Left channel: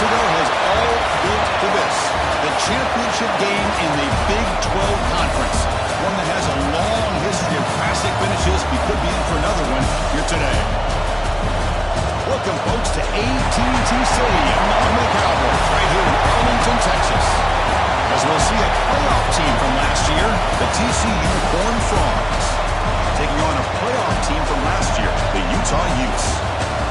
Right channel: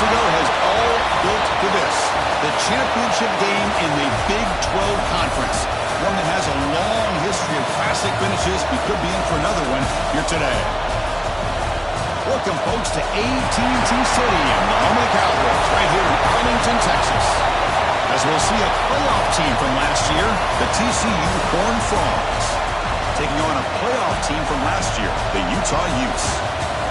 months ago has all built to this. The championship game in the Big 12 Conference. One that has a long history of classic finishes. We could be in for another one here today. Welcome, folks, to AT&T Stadium, home of the Cowboys, right here in Arlington, Texas. As we'll see a playoff team from last year, the TCU Horned Frogs, taking on a playoff team from last year, the Utah Utes.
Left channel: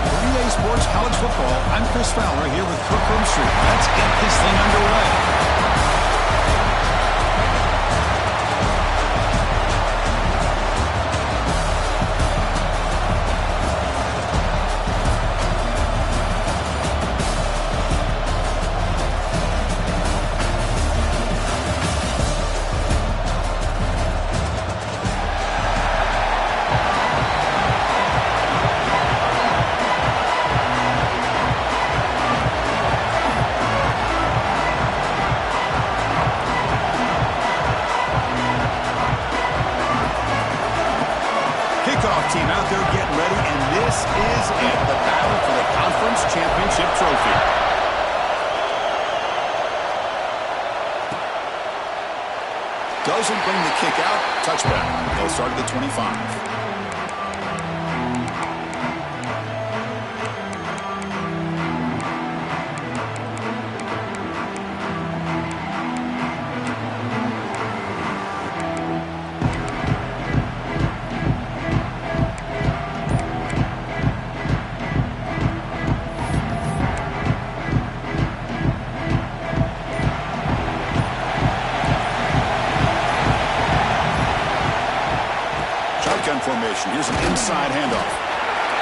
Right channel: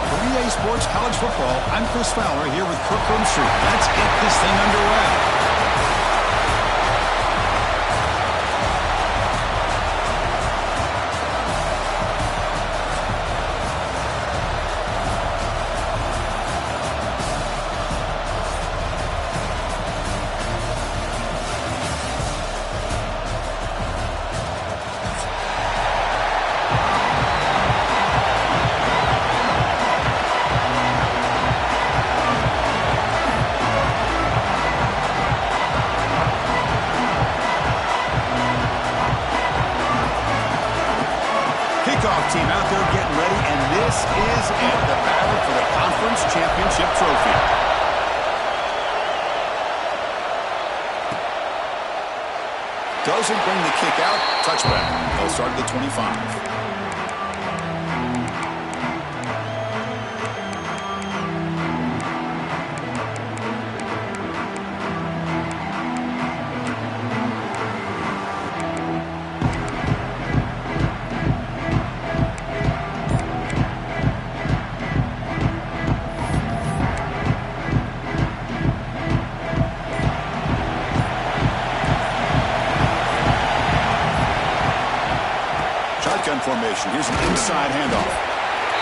For EA Sports College Football, I'm Chris Fowler here with Kirk Herbstreit. Let's get this thing underway. Team out there getting ready, and this is it, the battle for the conference championship trophy. Doesn't bring the kick out. Touchback. They'll start at the 25. Shotgun formation. Here's an inside handoff.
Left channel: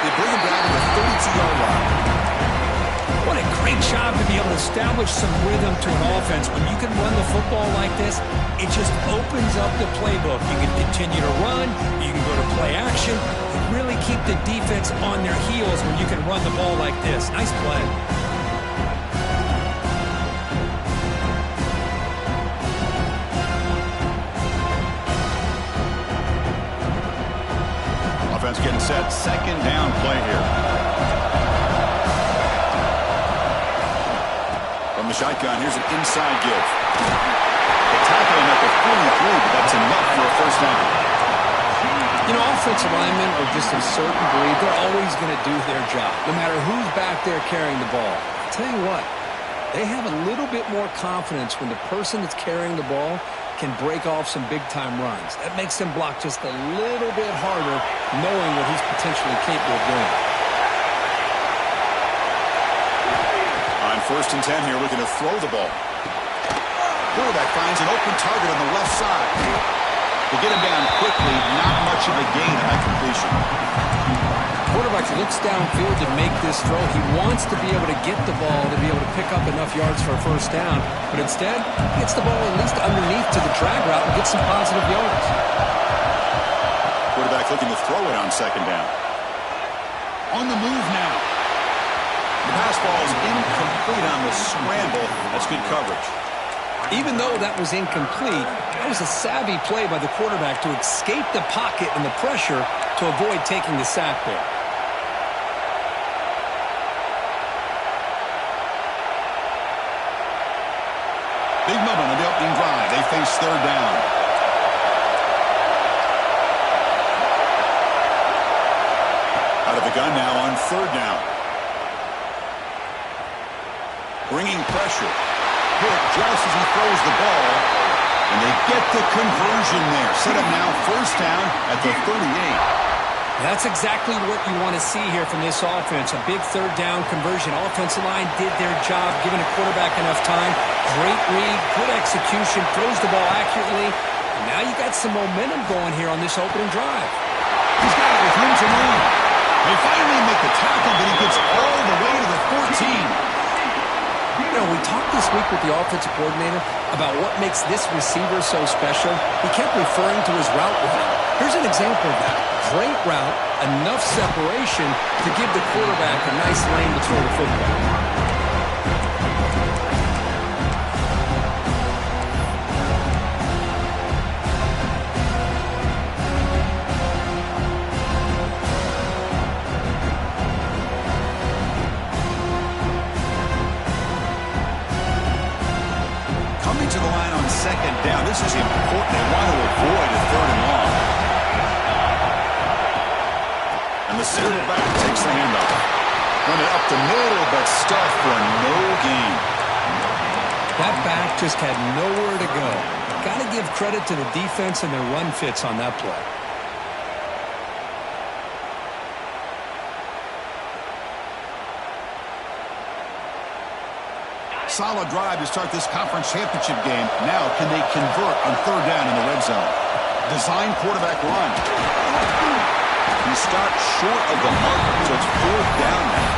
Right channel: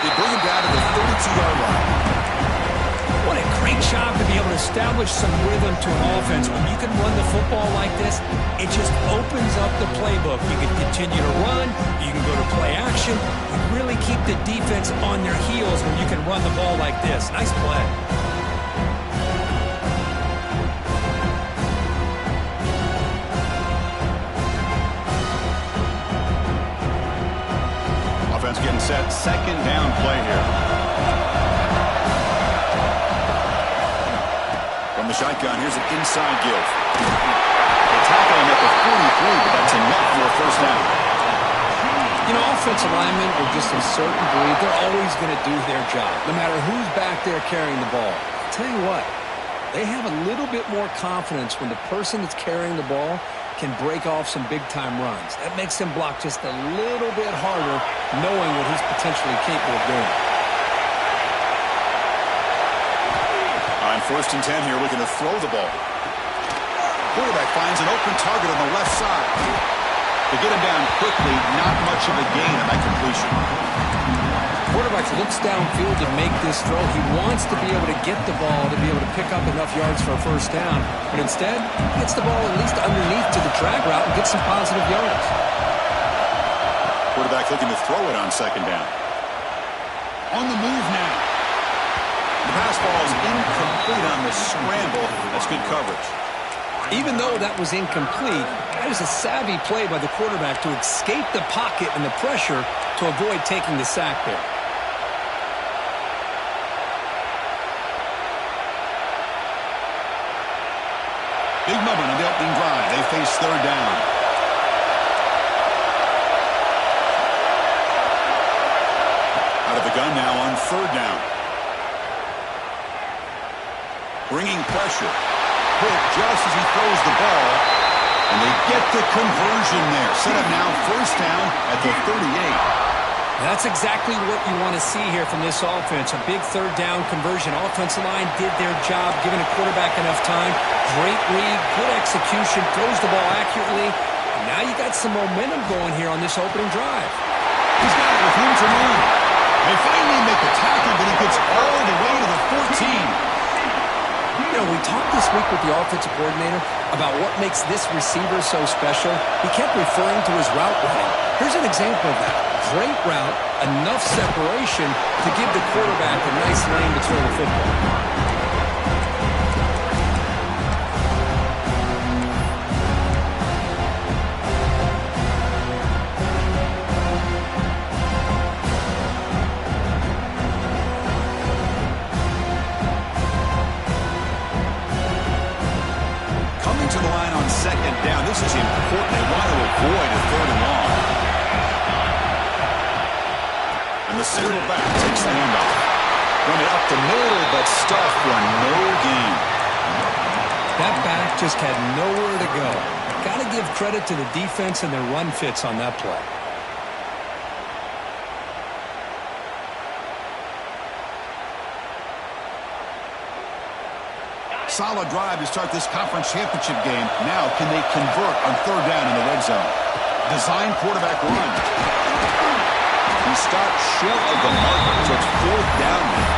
They bring him down to the 32-yard line. What a great job to be able to establish some rhythm to an offense. When you can run the football like this, it just opens up the playbook. You can continue to run. You can go to play action. You really keep the defense on their heels when you can run the ball like this. Nice play. Offense getting set. Second down play here. From the shotgun, here's an inside give. They tackle him at the 43, but that's enough for a first down. You know, offensive linemen are just a certain breed. They're always going to do their job, no matter who's back there carrying the ball. I'll tell you what, they have a little bit more confidence when the person that's carrying the ball can break off some big-time runs. That makes them block just a little bit harder, knowing what he's potentially capable of doing. On 1st and 10 here, looking to throw the ball. Quarterback finds an open target on the left side. To get him down quickly, not much of a gain on that completion. Quarterback looks downfield to make this throw. He wants to be able to get the ball to be able to pick up enough yards for a first down. But instead, he gets the ball at least underneath to the drag route and gets some positive yards. Quarterback looking to throw it on second down. On the move now. The pass ball is incomplete on the scramble. That's good coverage. Even though that was incomplete, that was a savvy play by the quarterback to escape the pocket and the pressure to avoid taking the sack there. Big moment on the opening drive. They face third down. Out of the gun now on third down. Bringing pressure. Hit just as he throws the ball. And they get the conversion there. Set up now first down at the 38. That's exactly what you want to see here from this offense. A big third down conversion. Offensive line did their job, giving a quarterback enough time. Great read, good execution, throws the ball accurately. And now you got some momentum going here on this opening drive. He's got it with room to run. They finally make the tackle, but he gets all the way to the 14. You know, we talked this week with the offensive coordinator about what makes this receiver so special. He kept referring to his route running. Here's an example of that. Great route, enough separation to give the quarterback a nice lane to throw the football. Coming to the line on second down. This is important. They want to avoid a third and long. And the center back takes the handoff. Run it up the middle, but stuffed for no gain. That back just had nowhere to go. Got to give credit to the defense and their run fits on that play. Solid drive to start this conference championship game. Now, can they convert on third down in the red zone? Design quarterback run. He stopped short of the marker, so it's fourth down now.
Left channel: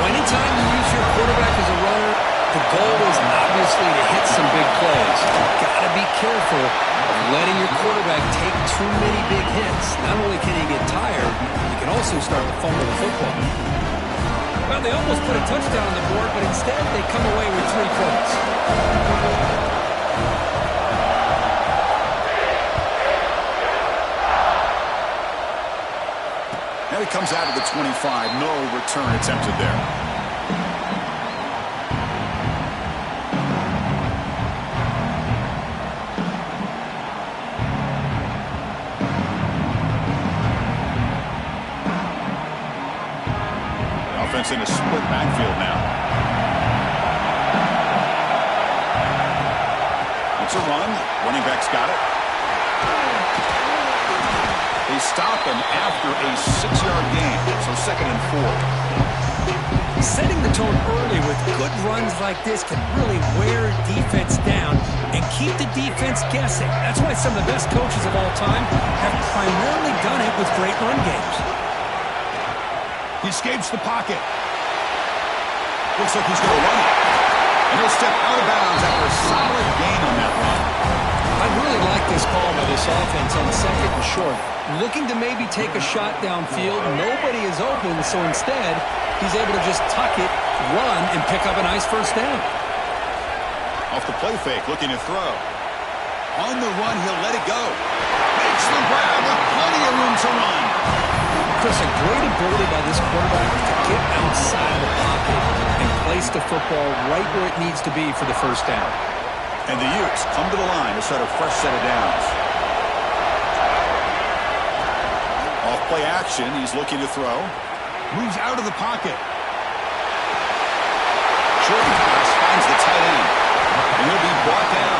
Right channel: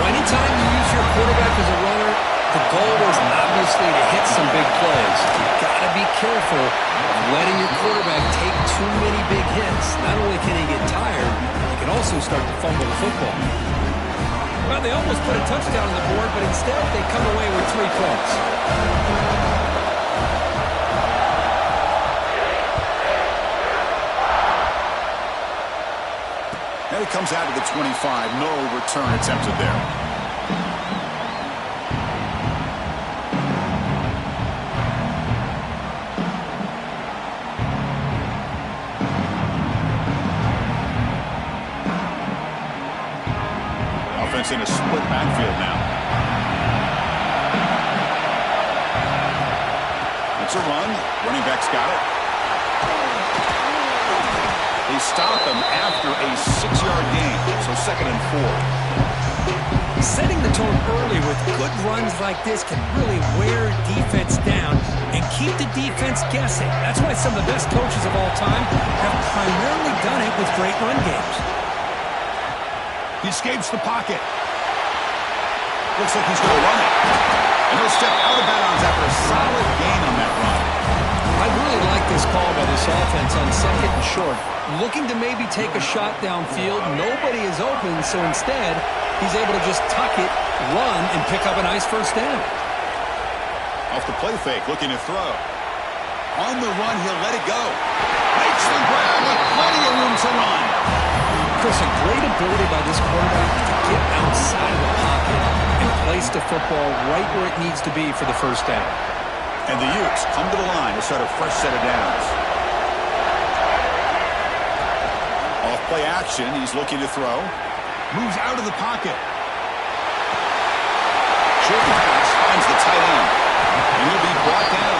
Well, anytime you use your quarterback as a runner, the goal is obviously to hit some big plays. You've got to be careful of letting your quarterback take too many big hits. Not only can he get tired, he can also start to fumble the football. Well, they almost put a touchdown on the board, but instead they come away with 3 points. And it comes out of the 25. No return attempted there. In a split backfield now. It's a run. Running back's got it. They stop him after a 6-yard gain. So 2nd and 4. Setting the tone early with good runs like this can really wear defense down and keep the defense guessing. That's why some of the best coaches of all time have primarily done it with great run games. He escapes the pocket. Looks like he's going to run it. And he'll step out of bounds after a solid gain on that run. I really like this call by this offense on 2nd and short. Looking to maybe take a shot downfield. Nobody is open, so instead, he's able to just tuck it, run, and pick up a nice first down. Off the play fake, looking to throw. On the run, he'll let it go. Makes the grab with plenty of room to run. Chris, a great ability by this quarterback to get outside of the pocket and place the football right where it needs to be for the first down. And the Utes come to the line to start a fresh set of downs. Off play action, he's looking to throw. Moves out of the pocket. Short pass finds the tight end. And he'll be brought down.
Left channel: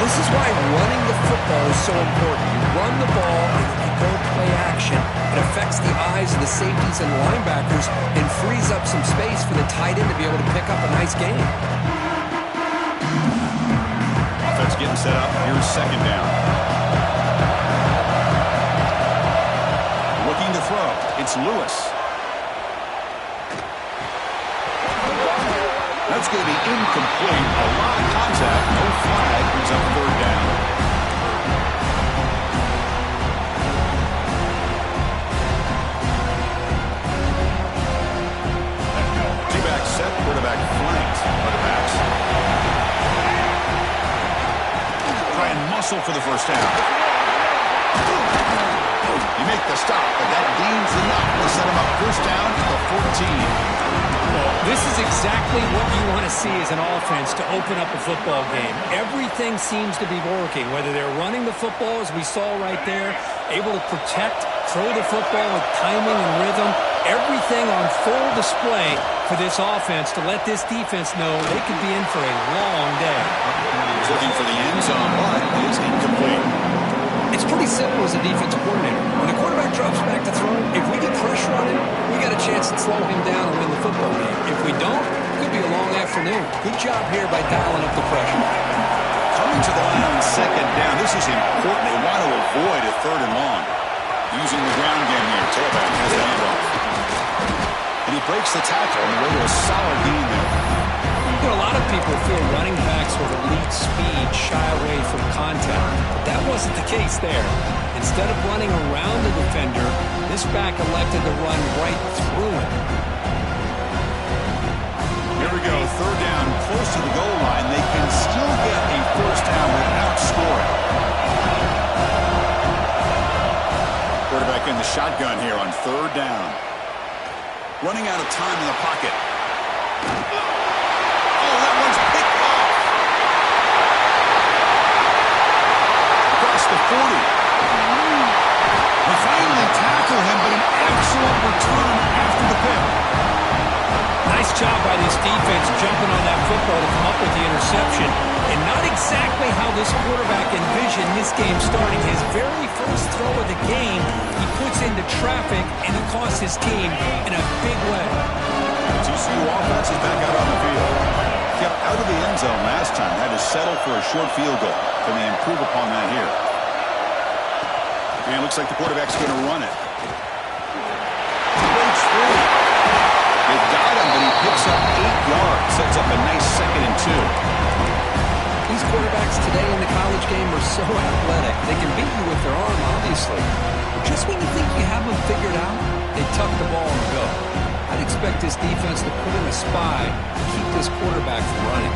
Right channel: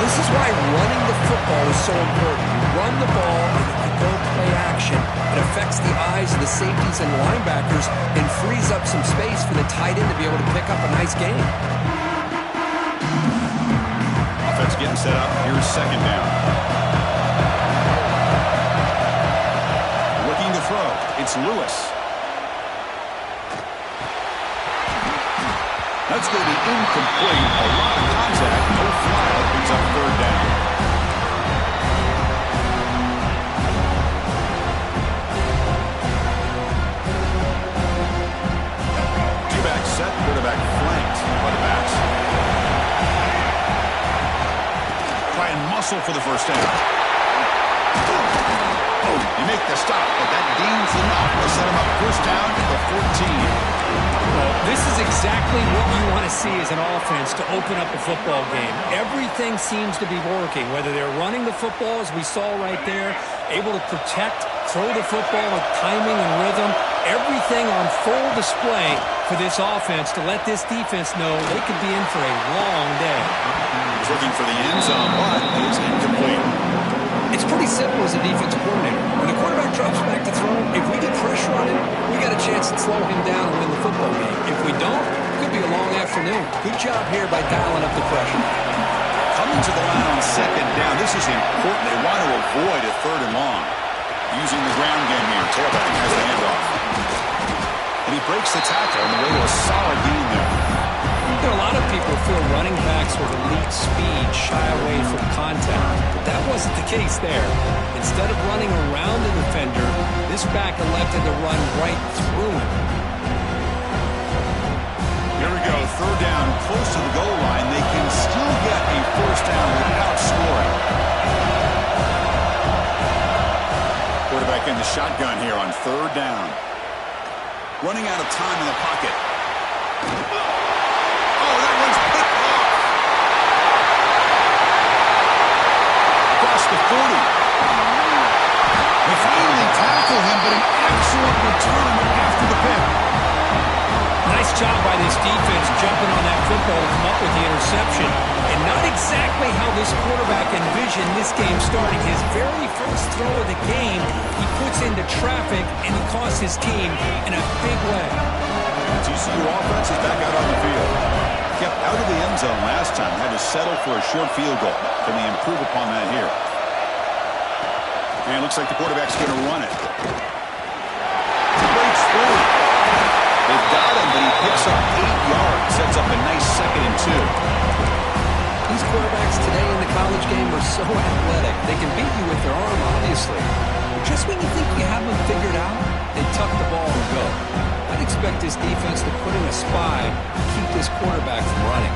This is why running the football is so important. You run the ball and you go play action. It affects the eyes of the safeties and linebackers and frees up some space for the tight end to be able to pick up a nice gain. Offense getting set up. Here's 2nd down. Looking to throw. It's Lewis. That's going to be incomplete. A lot of contact. No flag. Brings up 3rd down. Two-back set. Quarterback flanked by the backs. Try and muscle for the first down. You make the stop, but that gains enough to set him up first down at the 14. Well, this is exactly what you want to see as an offense to open up a football game. Everything seems to be working, whether they're running the football, as we saw right there, able to protect, throw the football with timing and rhythm, everything on full display for this offense to let this defense know they could be in for a long day. He's looking for the end zone, but is incomplete. It's pretty simple as a defensive coordinator. When the quarterback drops back to throw, if we get pressure on him, we got a chance to slow him down and win the football game. If we don't, it could be a long afternoon. Good job here by dialing up the pressure. Coming to the line on 2nd down. This is important. They want to avoid a 3rd and long. Using the ground game here. Tailback has the handoff. And he breaks the tackle on the way to a solid gain there. You know, a lot of people feel running backs with elite speed shy away from contact, but that wasn't the case there. Instead of running around the defender, this back elected to run right through him. Here we go, 3rd down, close to the goal line. They can still get a first down without scoring. Quarterback in the shotgun here on 3rd down. Running out of time in the pocket. Oh, that 40. They finally tackle him, but an excellent return after the pick. Nice job by this defense jumping on that football to come up with the interception. And not exactly how this quarterback envisioned this game starting. His very first throw of the game, he puts into traffic, and he costs his team in a big way. The TCU offense is back out on the field. Kept out of the end zone last time. Had to settle for a short field goal. Can they improve upon that here? And it looks like the quarterback's going to run it. He breaks free. They've got him, but he picks up 8 yards. Sets up a nice 2nd and 2. These quarterbacks today in the college game are so athletic. They can beat you with their arm, obviously. But just when you think you have them figured out, they tuck the ball and go. I'd expect this defense to put in a spy to keep this quarterback from running.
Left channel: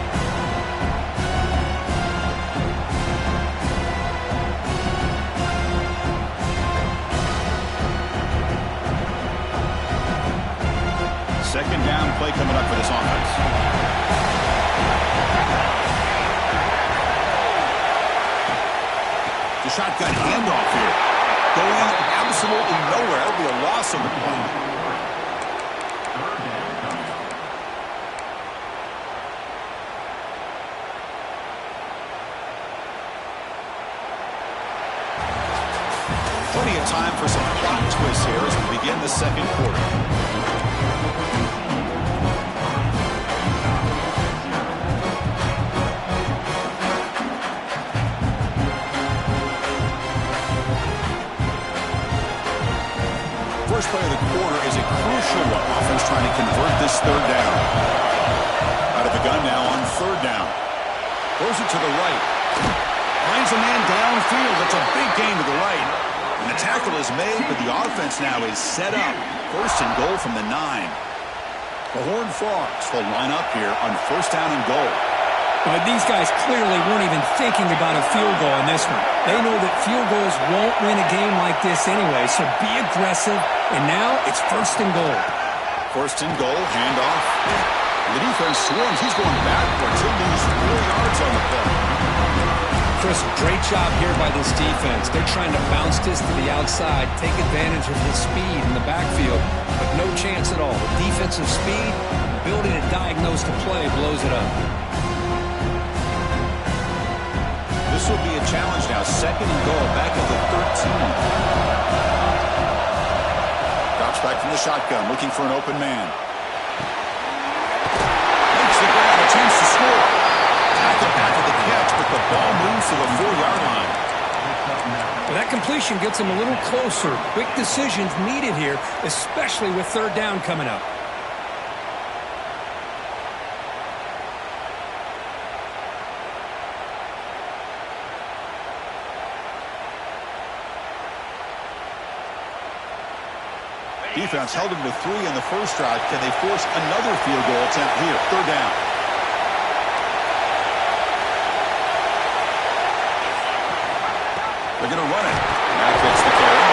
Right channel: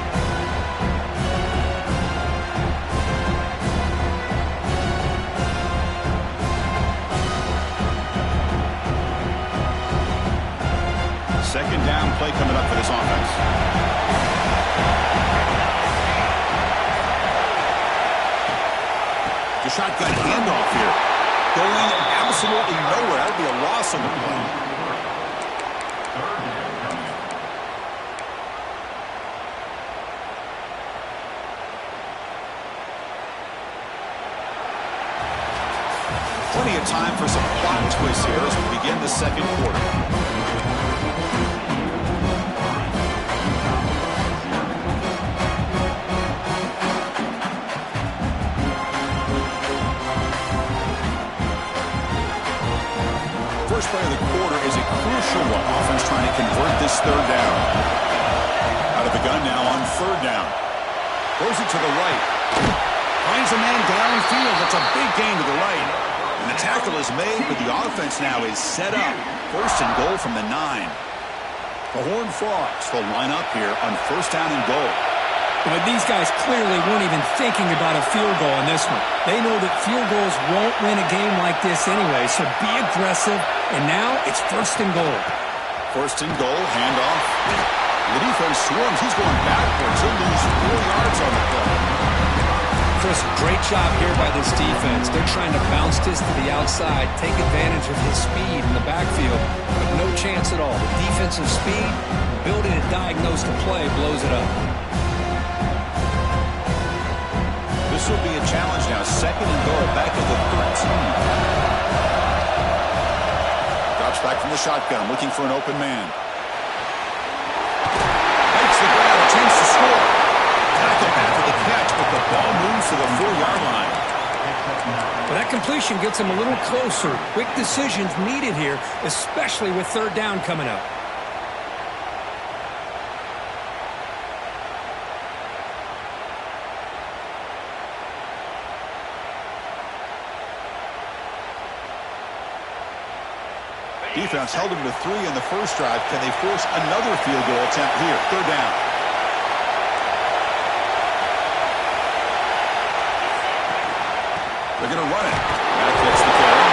Second down play coming up for this offense. The shotgun handoff here. Going absolutely nowhere. That'll be a loss on the play. Plenty of time for some plot twists here as we begin the second quarter. First play of the quarter is a crucial one. Offense trying to convert this third down. Out of the gun now on third down. Throws it to the right. Finds a man downfield. That's a big gain to the right. And the tackle is made, but the offense now is set up. First and goal from the 9. The Horned Frogs will line up here on first down and goal. But these guys clearly weren't even thinking about a field goal in this one. They know that field goals won't win a game like this anyway, so be aggressive. And now it's first and goal. First and goal, handoff. The defense swarms. He's going backwards. He'll lose 4 yards on the play. Chris, great job here by this defense. They're trying to bounce this to the outside, take advantage of his speed in the backfield, but no chance at all. The defensive speed, ability to diagnose the play, blows it up. This will be a challenge now. Second and goal, back at the 13. Drops back from the shotgun, looking for an open man. Makes the grab, attempts to score. Tackle after the catch, but the ball moves to the 4-yard line. Well, that completion gets him a little closer. Quick decisions needed here, especially with third down coming up. Defense held him to 3 in the first drive. Can they force another field goal attempt here? Third down. They're going to run it. Matt gets the carry.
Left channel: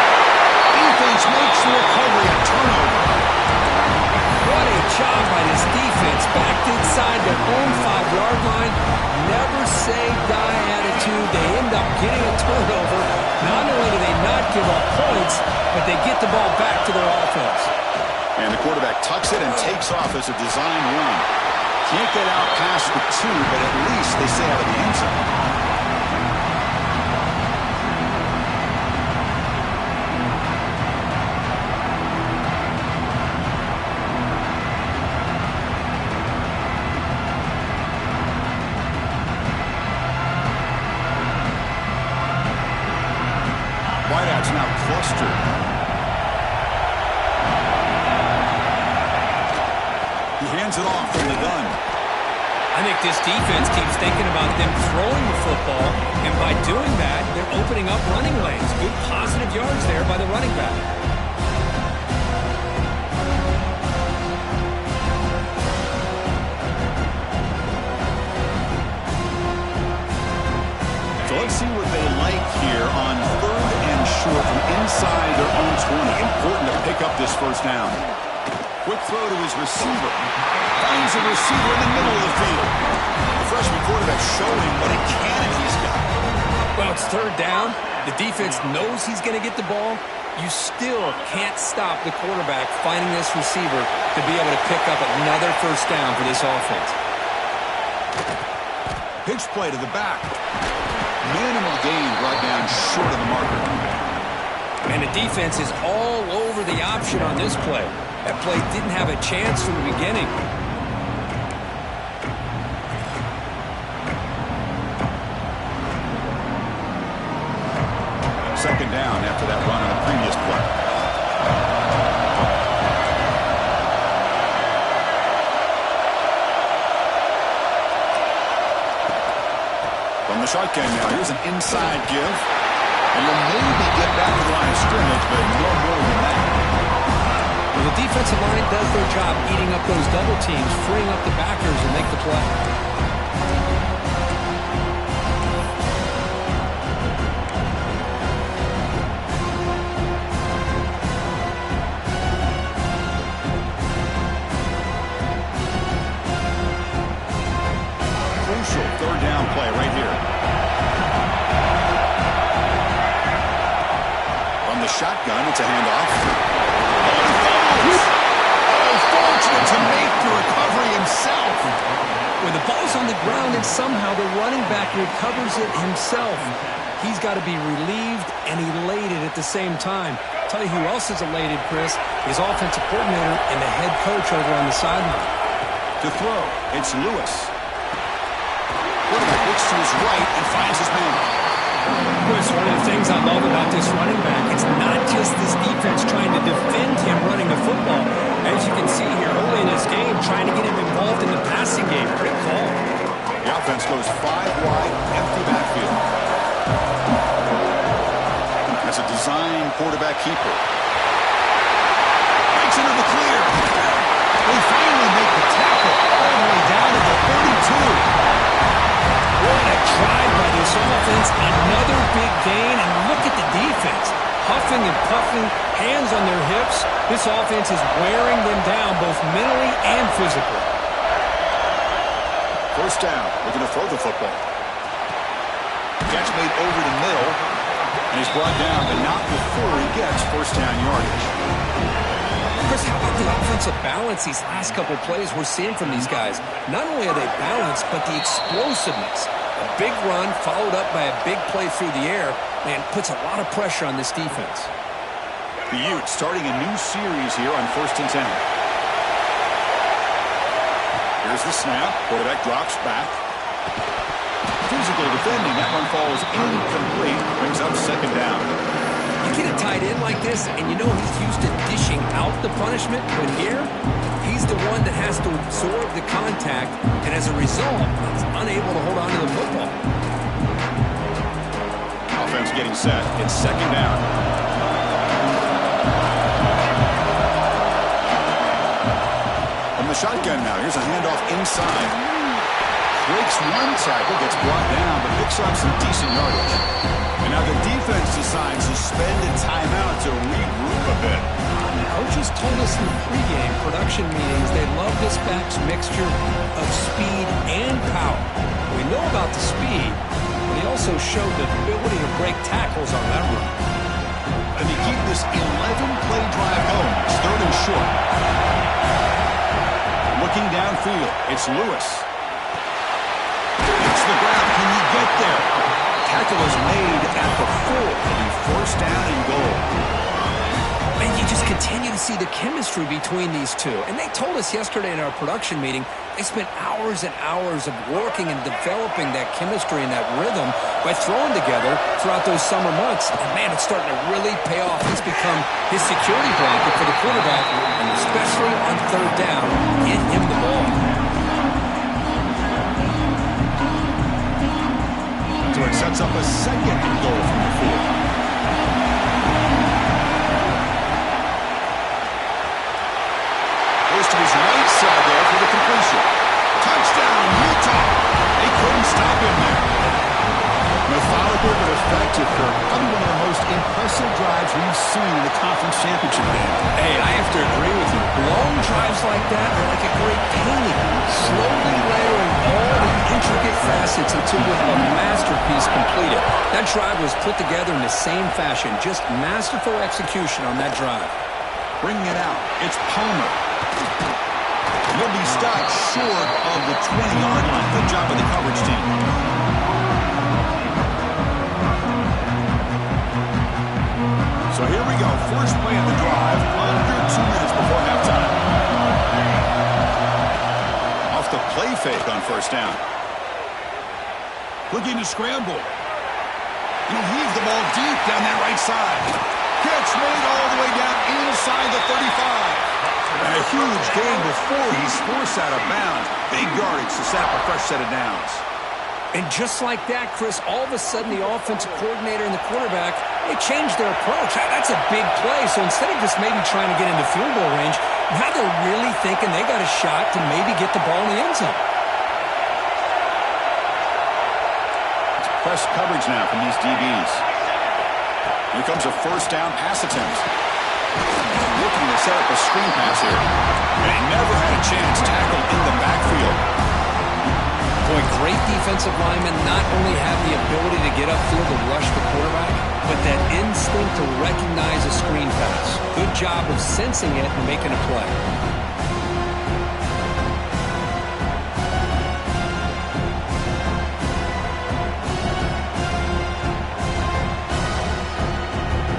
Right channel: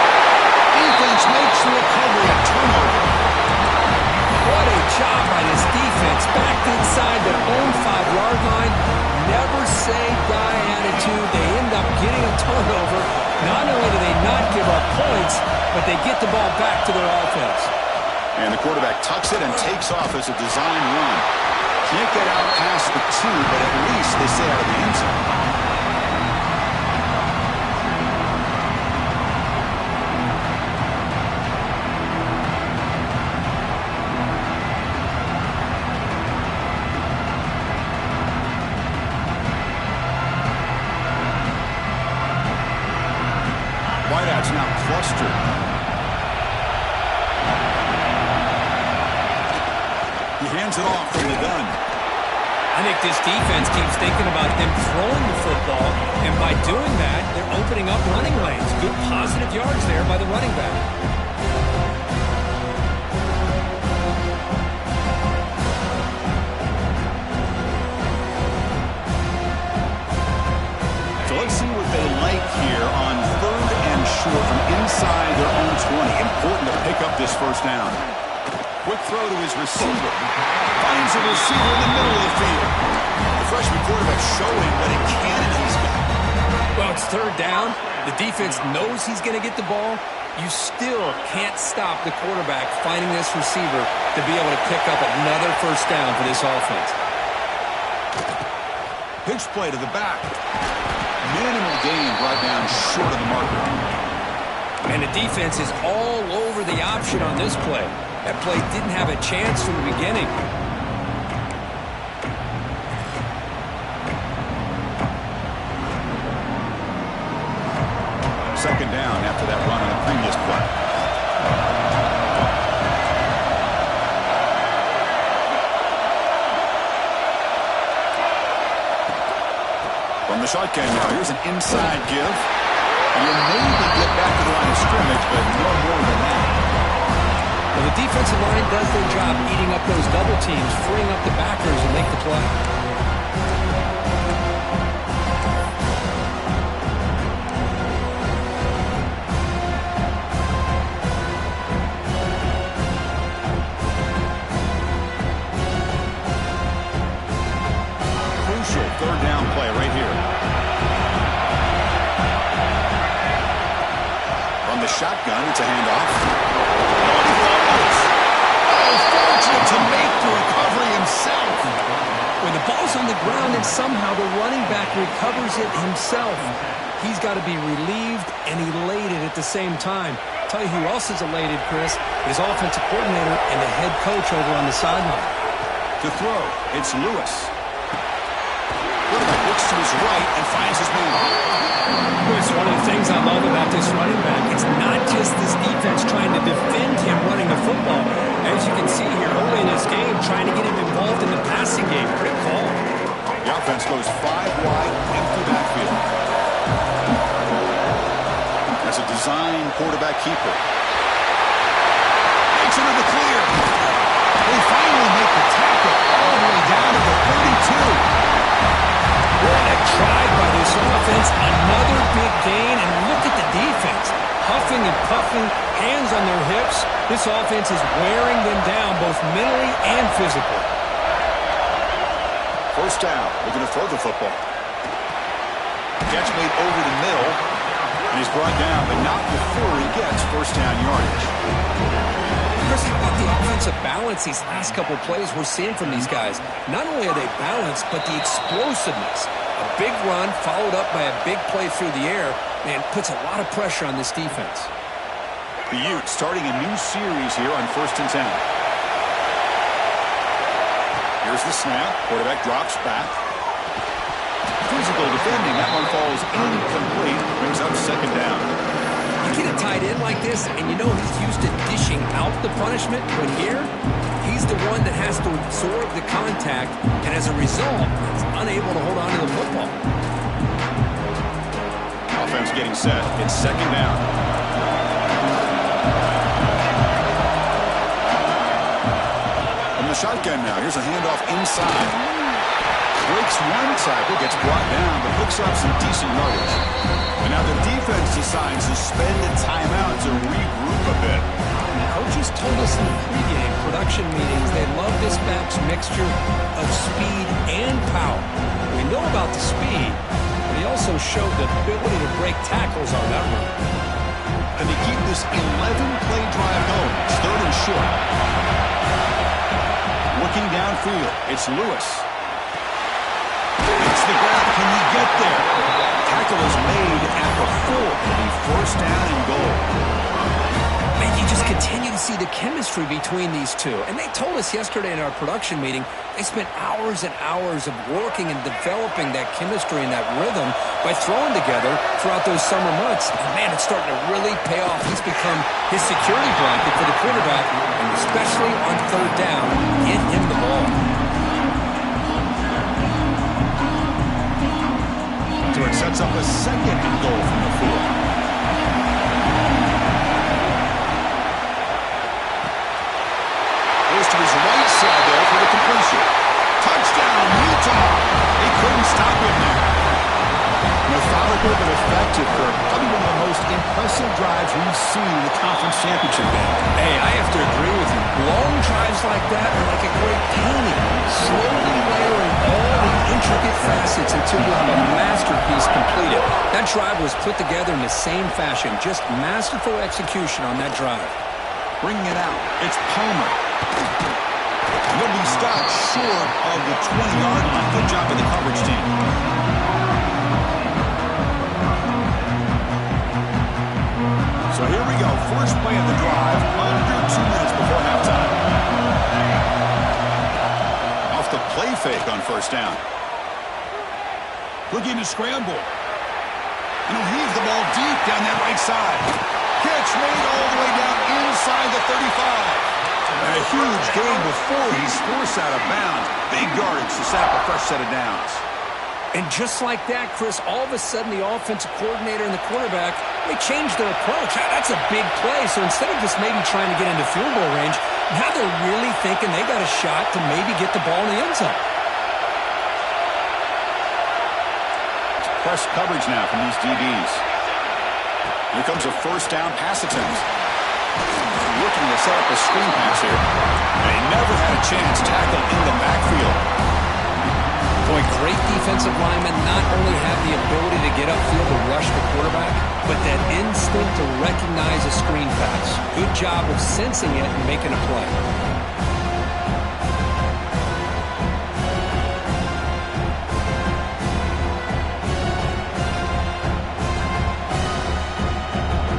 Defense makes the recovery. A turnover. What a job by this defense. Backed inside their own 5-yard line. Never say die attitude. They end up getting a turnover. Not only do they not give up points, but they get the ball back to their offense. And the quarterback tucks it and takes off as a design run. Can't get out past the 2, but at least they stay out of the end zone. Wideouts now clustered. He hands it off from the gun. I think this defense keeps thinking about them throwing the football, and by doing that, they're opening up running lanes. Good positive yards there by the running back. So let's see what they like here on third and short from inside their own 20. Important to pick up this first down. Quick throw to his receiver. Finds a receiver in the middle of the field. The freshman quarterback showing what a cannon he's got. Well, it's third down. The defense knows he's going to get the ball. You still can't stop the quarterback finding this receiver to be able to pick up another first down for this offense. Pitch play to the back. Minimal gain brought down short of the marker. And the defense is all over the option on this play. That play didn't have a chance from the beginning. Second down after that run on the previous play. From the shotgun now, here's an inside give. And you'll maybe get back to the line of scrimmage, but no more than that. Well, the defensive line does their job eating up those double teams, freeing up the backers and make the play. Crucial third down play right here. From the shotgun, it's a handoff. Oh, he fumbles. Oh, fortunate to make the recovery himself. When the ball's on the ground and somehow the running back recovers it himself, he's got to be relieved and elated at the same time. I'll tell you who else is elated, Chris, his offensive coordinator and the head coach over on the sideline. To throw, it's Lewis. Quarterback looks to his right and finds his man. Chris, one of the things I love about this running back, it's not just this defense trying to defend him running the football. As you can see here early in this game, trying to get him involved in the passing game. Great call. The offense goes 5 wide, empty backfield. As a design quarterback keeper. Breaks into the clear. They finally make the tackle all the way down to the 32. What a drive by this offense. Another big gain, and look at the defense. Huffing and puffing, hands on their hips. This offense is wearing them down both mentally and physically. First down, looking to throw the football. Catch made over the middle, and he's brought down, but not before he gets first down yardage. Chris, how about the offensive balance these last couple plays we're seeing from these guys? Not only are they balanced, but the explosiveness. A big run followed up by a big play through the air, man, puts a lot of pressure on this defense. The Utes starting a new series here on 1st and 10. Here's the snap. Quarterback drops back. Physical defending. That one falls incomplete. Brings up second down. You get a tight end like this, and you know he's used to dishing out the punishment, but here, he's the one that has to absorb the contact, and as a result, he's unable to hold on to the football. Offense getting set. It's second down. From the shotgun now, here's a handoff inside. Breaks one tackle, gets brought down, but picks up some decent yardage. And now the defense decides to spend a timeout to regroup a bit. Coaches told us in the pregame production meetings they love this back's mixture of speed and power. We know about the speed, but he also showed the ability to break tackles on that run. And they keep this 11-play drive going. It's third and short. Looking downfield, it's Lewis. Hits the ground. Can he get there? Tackle is made at the 4. It'll be first down and goal. Man, you just continue to see the chemistry between these two. And they told us yesterday in our production meeting, they spent hours and hours of working and developing that chemistry and that rhythm by throwing together throughout those summer months. And man, it's starting to really pay off. He's become his security blanket for the quarterback, and especially on third down, get him the ball. So it sets up a second and goal from the 4. Goes to his right side there for the completion. Touchdown, Utah. They couldn't stop him there. Methodical but effective, Kirk. Probably one of the most impressive drives we've seen in the conference championship game. Hey, I have to agree with you. Long drives like that are like a great painting, slowly layering all the intricate facets facets until you have a masterpiece completed. That drive was put together in the same fashion. Just masterful execution on that drive. Bringing it out. It's Palmer. He'll be stopped short of the 20-yard line. Good job by the coverage team. So here we go. First play of the drive, under 2 minutes before halftime. Off the play fake on first down. Looking to scramble. And he'll heave the ball deep down that right side. Catch made all the way down inside the 35. And a huge gain before he's forced out of bounds. Big yardage to set up a fresh set of downs. And just like that, Chris, all of a sudden the offensive coordinator and the quarterback, they changed their approach. That's a big play. So instead of just maybe trying to get into field goal range, now they're really thinking they got a shot to maybe get the ball in the end zone. It's press coverage now from these DBs. Here comes a first down pass attempt. Looking to set up a screen pass here. And he never had a chance tackled in the backfield. Boy, great defensive linemen not only have the ability to get upfield to rush the quarterback, but that instinct to recognize a screen pass. Good job of sensing it and making a play.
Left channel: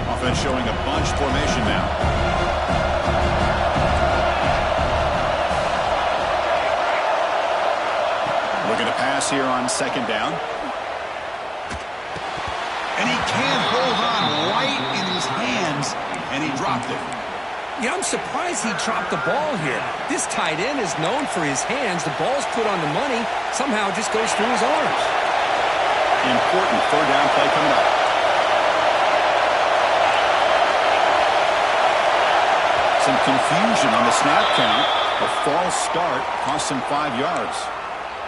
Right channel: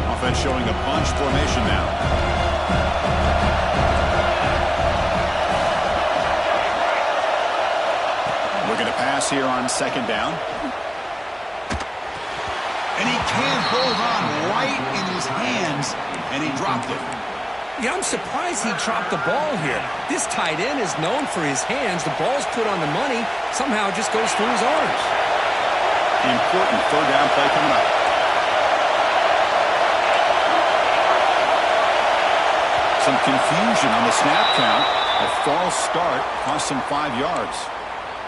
Offense showing a bunch formation now. Looking to pass here on second down. And he can't hold on right in his hands, and he dropped it. Yeah, I'm surprised he dropped the ball here. This tight end is known for his hands. The ball's put on the money. Somehow it just goes through his arms. Important third down play coming up. Some confusion on the snap count. A false start cost him 5 yards.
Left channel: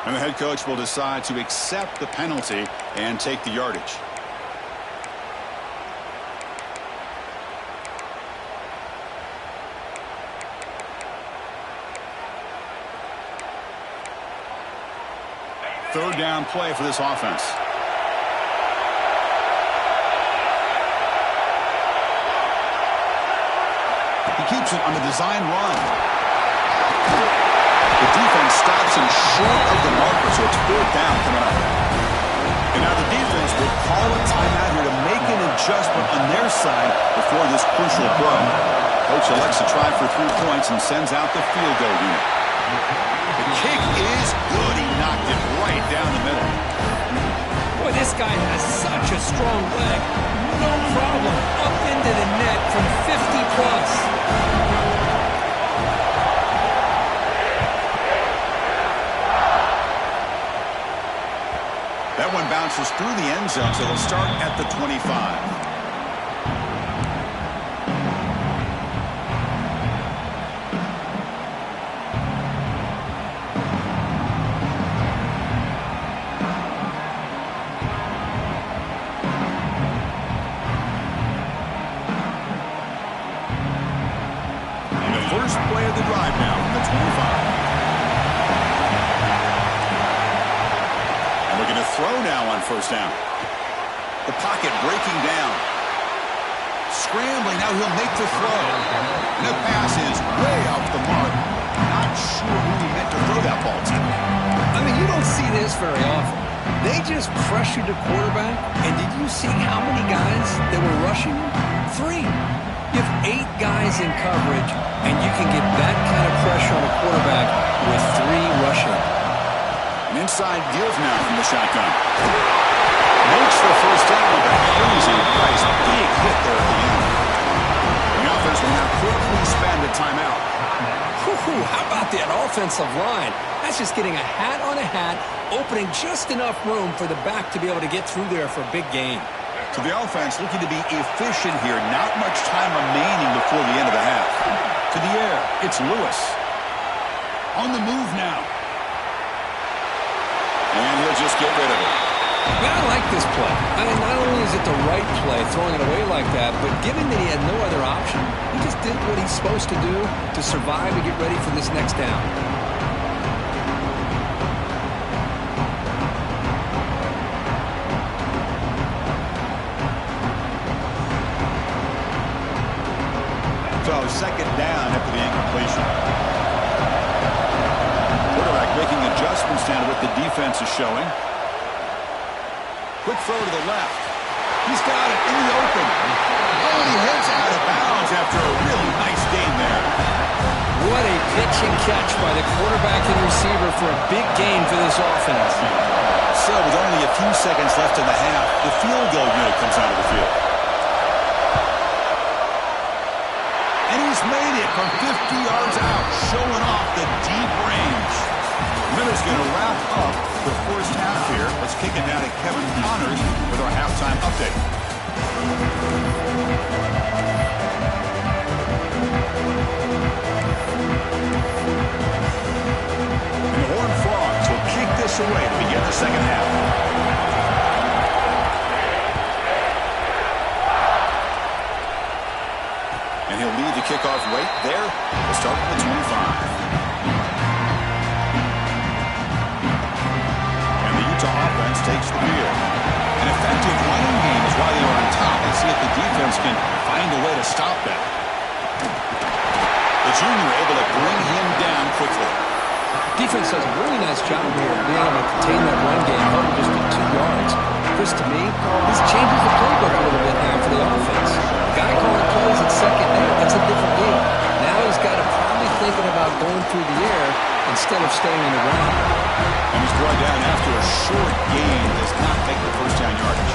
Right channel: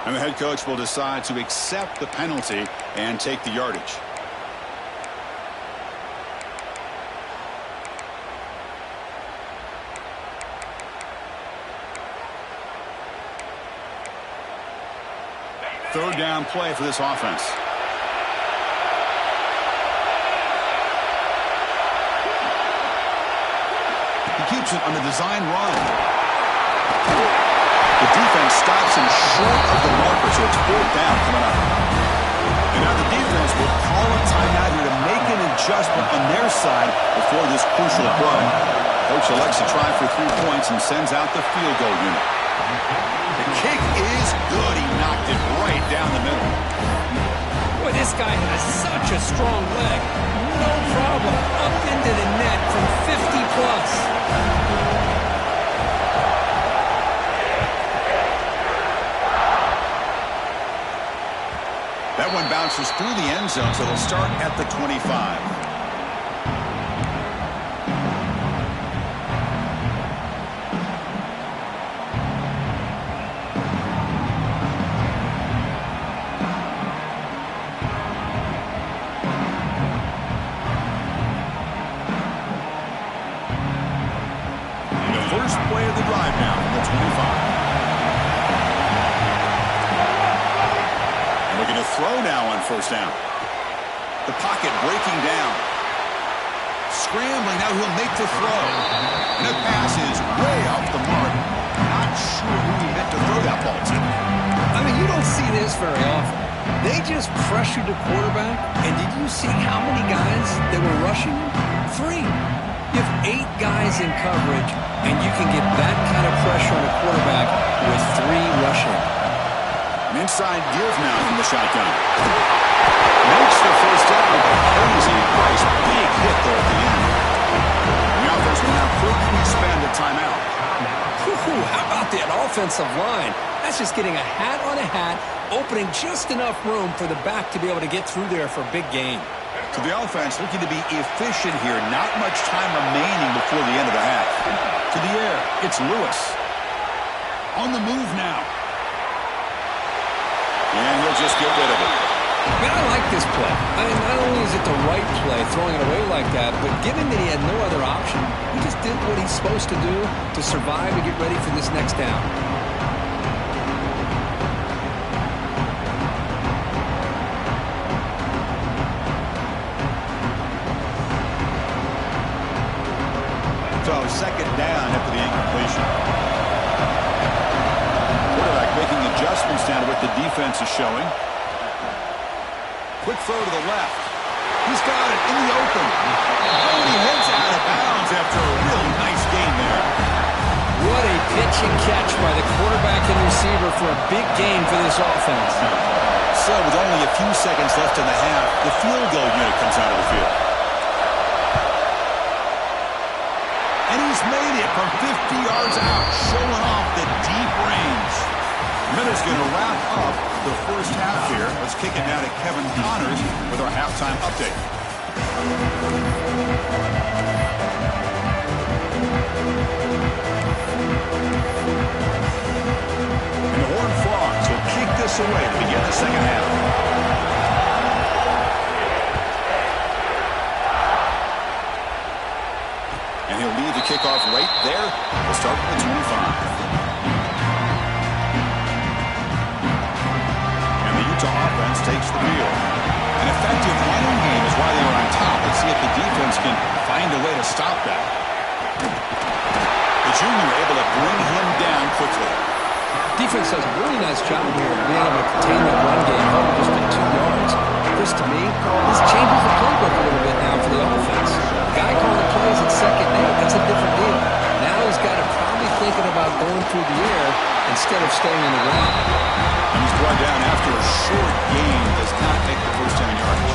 And the head coach will decide to accept the penalty and take the yardage. Third down play for this offense. He keeps it on the design run. The defense stops him short of the marker, so it's fourth down coming up. And now the defense will call a timeout here to make an adjustment on their side before this crucial play. Coach elects to try for 3 points and sends out the field goal unit. The kick is good. He knocked it right down the middle. Boy, this guy has such a strong leg. No problem. Up into the net from 50 plus. That one bounces through the end zone, so they'll start at the 25. And the first play of the drive now from the 25. Looking to throw now on first down. The pocket breaking down. Scrambling, now he'll make the throw. And the pass is way off the mark. Not sure who he meant to throw that ball to. I mean, you don't see this very often. They just pressured the quarterback, and did you see how many guys they were rushing? 3. You have 8 guys in coverage, and you can get that kind of pressure on a quarterback with 3 rushing. An inside give now from the shotgun. Makes the first down, but crazy price. Big hit there at the end. The offense will now quickly spend a timeout. How about that offensive line? That's just getting a hat on a hat, opening just enough room for the back to be able to get through there for a big gain. So the offense looking to be efficient here. Not much time remaining before the end of the half. To the air, it's Lewis. On the move now. And he'll just get rid of it. Man, I like this play. I mean, not only is it the right play, throwing it away like that, but given that he had no other option, he just did what he's supposed to do to survive and get ready for this next down. second down after the incompletion. Quarterback making adjustments down to what the defense is showing. Quick throw to the left. He's got it in the open. Oh, and he heads out of bounds after a really nice gain there. What a pitch and catch by the quarterback and receiver for a big gain for this offense. So with only a few seconds left in the half, the field goal unit comes out of the field. And he's made it from 50 yards out, showing off the deep range. Miller's going to wrap up the first half here. Let's kick it down to Kevin Connors with our halftime update. And the Horned Frogs will kick this away to begin the second half. And he'll lead the kickoff right there. We'll start with the 25. Offense takes the field. An effective running game is why they were on top. Let's see if the defense can find a way to stop that. The junior able to bring him down quickly. Defense does a really nice job here of being able to contain that run game, held it just at 2 yards. Chris, to me, this changes the playbook a little bit now for the offense. The guy calling plays at second and 8, that's a different deal. Now he's got to probably thinking about going through the air instead of staying on the ground. And he's brought down after a short gain, does not make the first down yardage.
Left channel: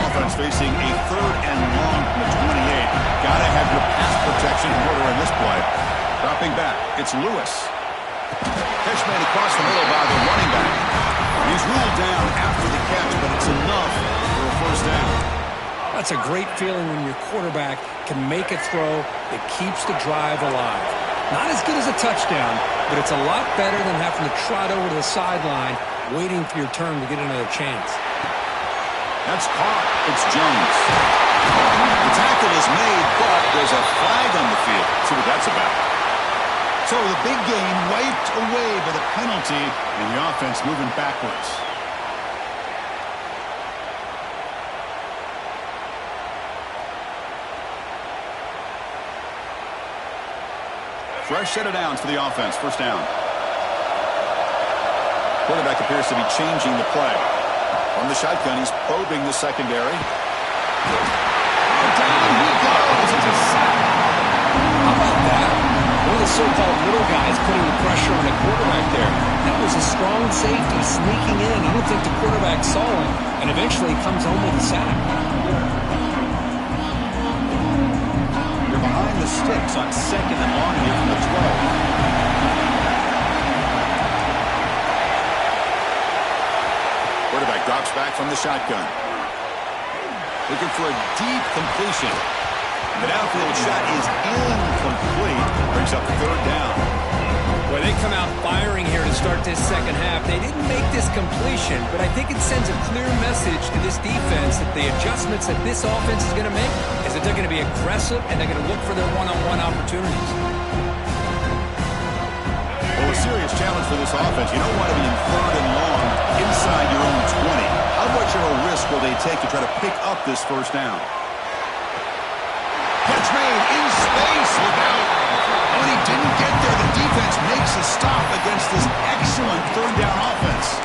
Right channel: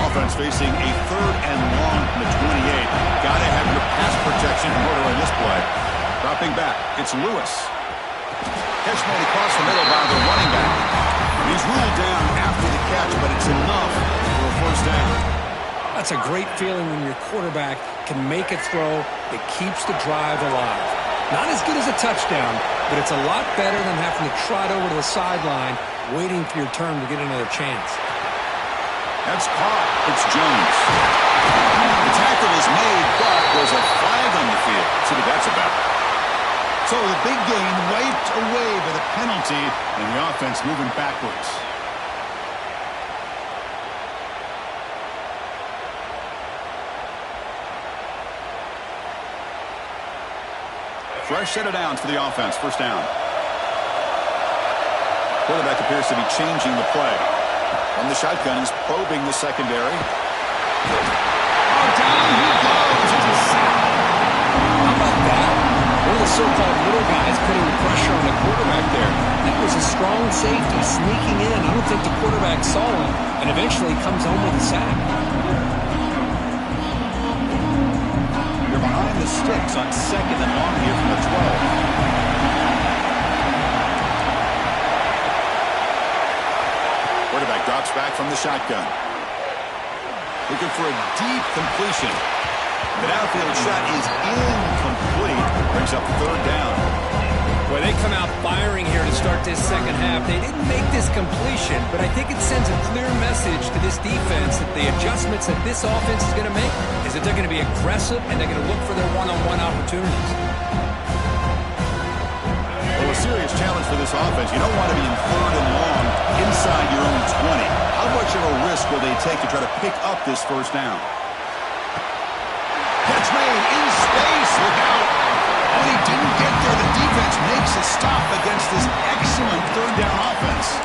Offense facing a third and long from the 28. Got to have your pass protection in order in this play. Dropping back, it's Lewis. Catch made across the middle by the running back. He's ruled down after the catch, but it's enough for a first down. That's a great feeling when your quarterback can make a throw that keeps the drive alive. Not as good as a touchdown, but it's a lot better than having to trot over to the sideline waiting for your turn to get another chance. That's caught. It's Jones. The tackle is made, but there's a flag on the field. See what that's about. So the big gain wiped away by the penalty, and the offense moving backwards. Fresh set of downs for the offense. First down. Quarterback appears to be changing the play. From the shotgun, he's probing the secondary. Oh, down he goes. It's a sack. How about that? One of the so-called little guys putting the pressure on the quarterback there. That was a strong safety sneaking in. I don't think the quarterback saw him, and eventually comes home with a sack. They're behind the sticks on second and long here from the 12. Quarterback drops back from the shotgun. Looking for a deep completion. The downfield shot is incomplete. Brings up third down. Well, they come out firing here to start this second half. They didn't make this completion, but I think it sends a clear message to this defense that the adjustments that this offense is going to make is that they're going to be aggressive and they're going to look for their one-on-one opportunities. Well, a serious challenge for this offense. You don't want to be in third and long inside your own 20. How much of a risk will they take to try to pick up this first down? Catch made in space. Look out. Oh, and he didn't get there. The defense makes a stop against this excellent third down offense.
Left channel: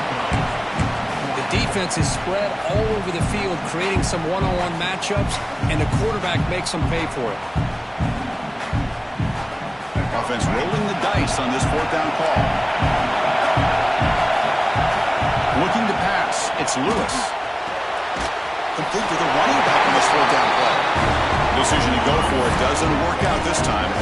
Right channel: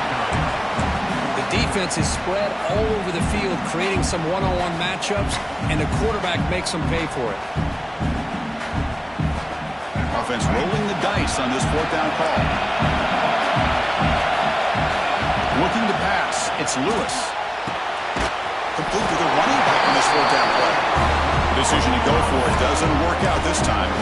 The defense is spread all over the field, creating some one-on-one matchups, and the quarterback makes them pay for it. Offense rolling the dice on this fourth down call. Looking to pass. It's Lewis. Complete to the running back on this fourth down play. Decision to go for it doesn't work out this time.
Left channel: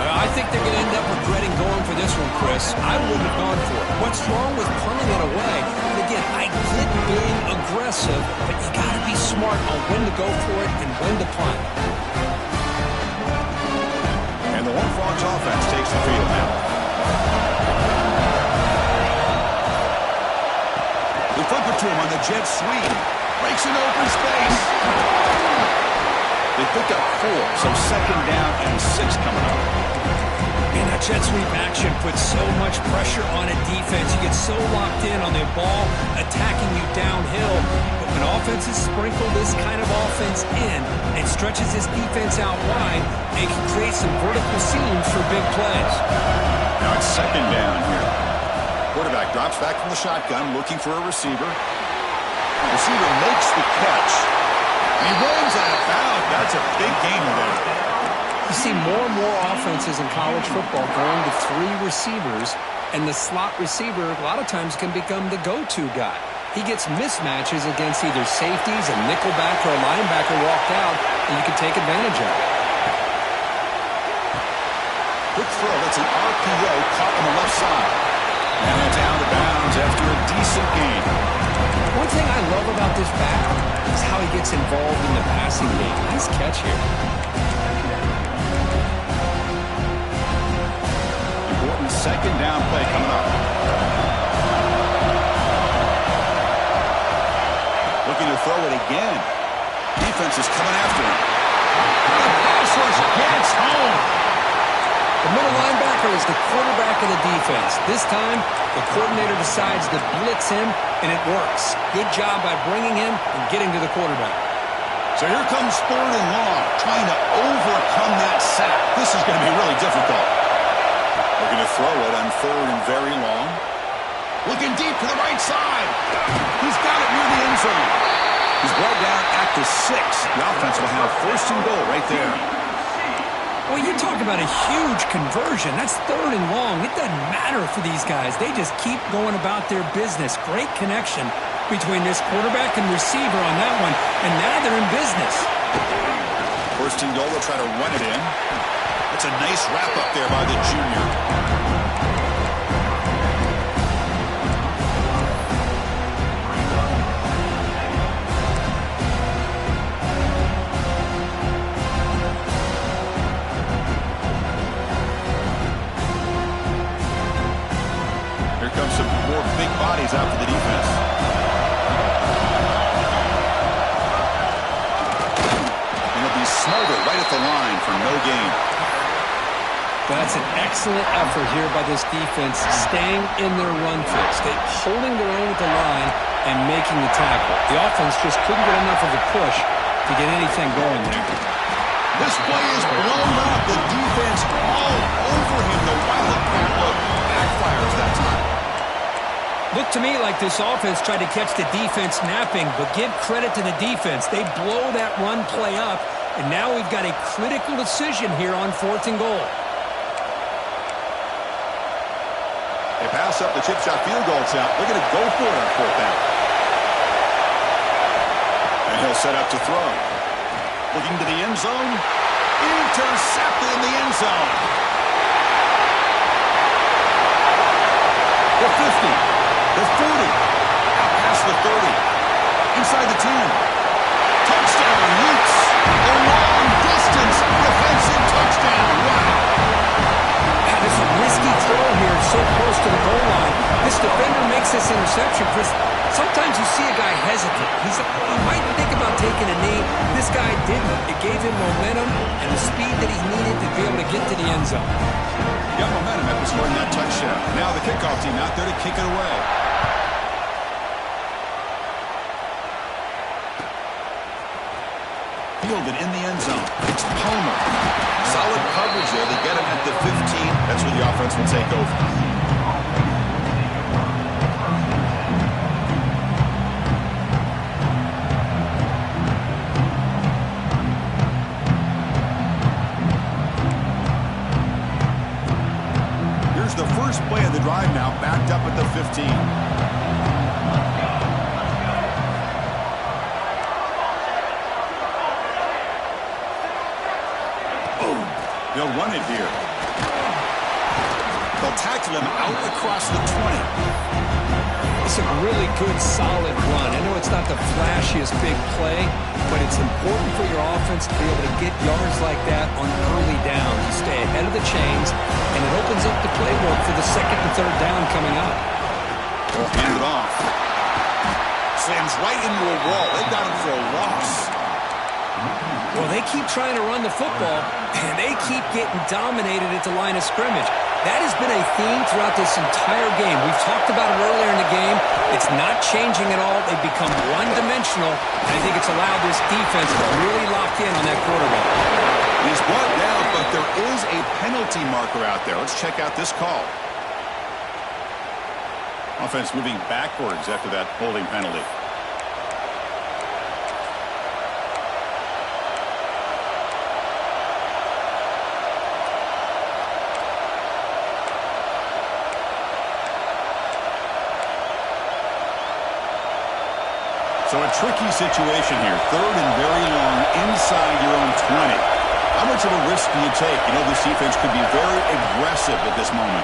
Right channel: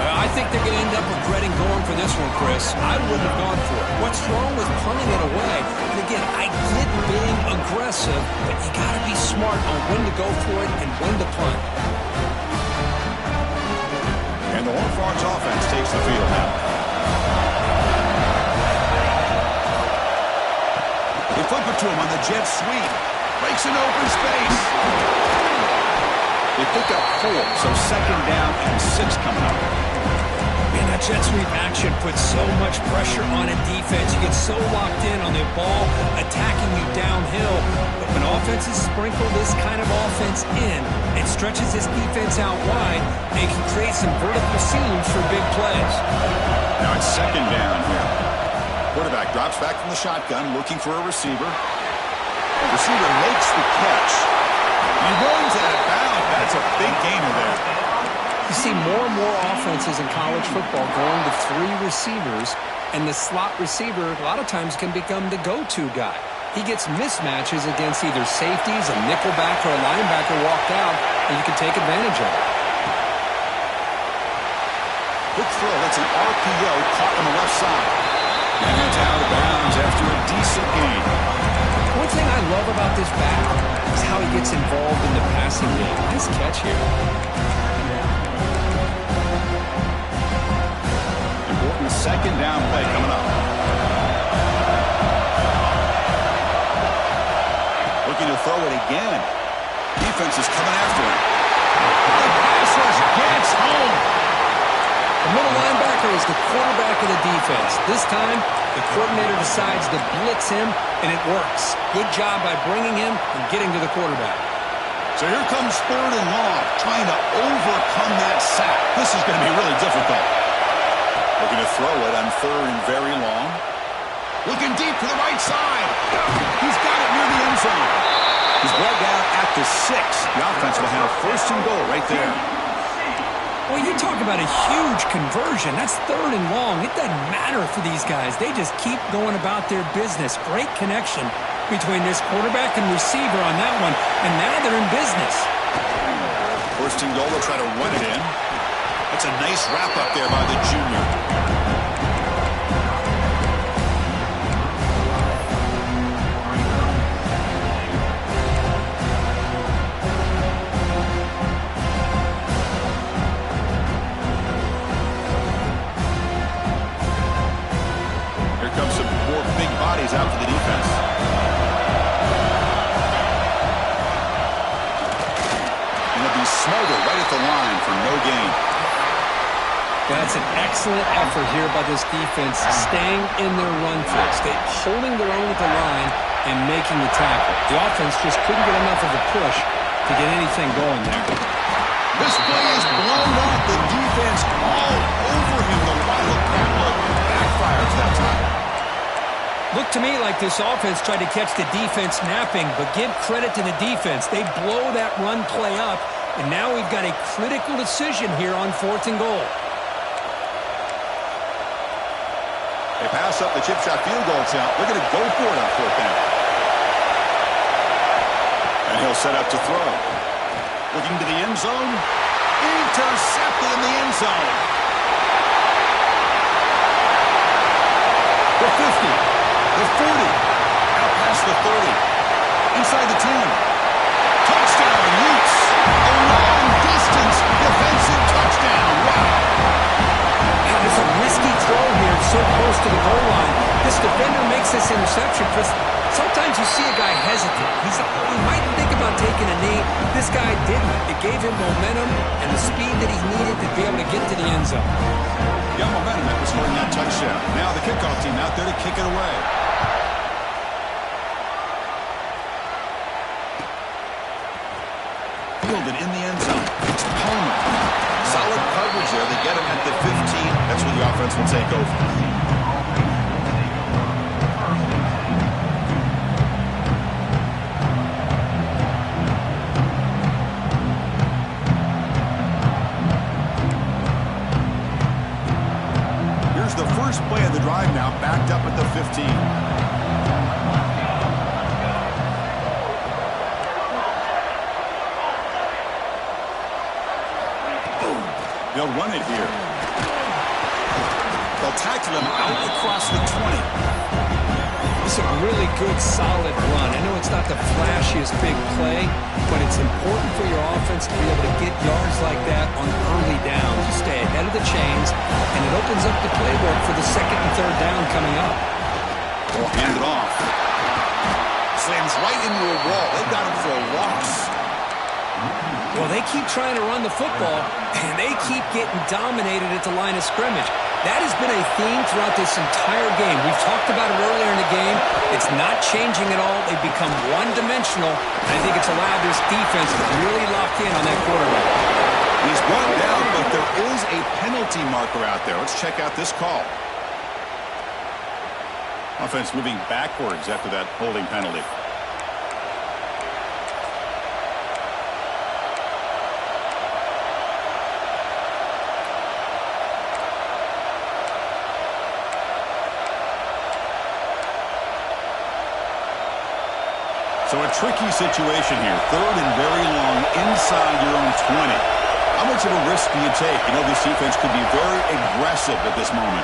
I think they're going to end up regretting going for this one, Chris. I wouldn't have gone for it. What's wrong with punting it away? And again, I get being aggressive, but you got to be smart on when to go for it and when to punt. And the Horned Frogs offense takes the field now. The They flip it to him on the jet sweep. Breaks an open space. They pick up 4, so 2nd down and 6 coming up. Man, that jet sweep action puts so much pressure on a defense. You get so locked in on the ball attacking you downhill. But when offenses sprinkle this kind of offense in, it stretches this defense out wide and can create some vertical seams for big plays. Now it's 2nd down here. Quarterback drops back from the shotgun, looking for a receiver. Receiver makes the catch. He runs out of bounds. That's a big gainer there. You see more and more offenses in college football going to 3 receivers, and the slot receiver a lot of times can become the go-to guy. He gets mismatches against either safeties, a nickelback, or a linebacker walked out, and you can take advantage of it. Quick throw. That's an RPO caught on the left side. And it's out of bounds after a decent gain. One thing I love about this back is how he gets involved in the passing game. Nice catch here. Important 2nd down play coming up. Looking to throw it again. Defense is coming after him. The pass rush gets home. The middle linebacker is the quarterback of the defense. This time, the coordinator decides to blitz him, and it works. Good job by bringing him and getting to the quarterback. So here comes 3rd and long, trying to overcome that sack. This is going to be really difficult. Looking to throw it on 3rd and very long. Looking deep to the right side. He's got it near the end zone. He's brought down at the 6. The offense will have 1st and goal right there. Well, you talk about a huge conversion. That's 3rd and long. It doesn't matter for these guys. They just keep going about their business. Great connection between this quarterback and receiver on that one, and now they're in business. 1st and goal, they'll try to run it in. That's a nice wrap up there by the junior. Here comes some more big bodies out for the defense. And they'll be smothered right at the line for no gain. Well, that's an excellent effort here by this defense, staying in their run fix. They're holding their own with the line and making the tackle. The offense just couldn't get enough of a push to get anything going there. This play is blown up. The defense all over him. The Wildcat look backfires that time. Looked to me like this offense tried to catch the defense napping, but give credit to the defense. They blow that run play up, and now we've got a critical decision here on 4th and goal. They pass up the chip shot field goal attempt. They're going to go for it on 4th down. And he'll set up to throw. Looking to the end zone. Intercepted in the end zone. The 50. The 40, out past the 30, inside the 10. Touchdown, Utes. A long-distance defensive touchdown. Wow. That is a risky throw here, so close to the goal line. This defender makes this interception. Chris, sometimes you see a guy hesitate. He might think about taking a knee. This guy didn't. It gave him momentum and the speed that he needed to be able to get to the end zone. Got momentum after scoring that touchdown. Now the kickoff team out there to kick it away. Fielded in the end zone. It's Palmer. Solid coverage there. They get him at the 15. That's where the offense will take over. Here's the first play of the drive now, backed up at the 15. They'll run it here. They'll tackle him out across the 20. This is a really good, solid run. I know it's not the flashiest big play, but it's important for your offense to be able to get yards like that on early downs. You stay ahead of the chains, and it opens up the playbook for the 2nd and 3rd down coming up. They'll hand it off. slams right into a wall. They got him for a loss. Well, they keep trying to run the football, and they keep getting dominated at the line of scrimmage. That has been a theme throughout this entire game. We've talked about it earlier in the game. It's not changing at all. They've become one-dimensional, and I think it's allowed this defense to really lock in on that quarterback. He's brought down, but there is a penalty marker out there. Let's check out this call. Offense moving backwards after that holding penalty. So a tricky situation here. Third and very long inside your own 20. How much of a risk do you take? You know, this defense could be very aggressive at this moment.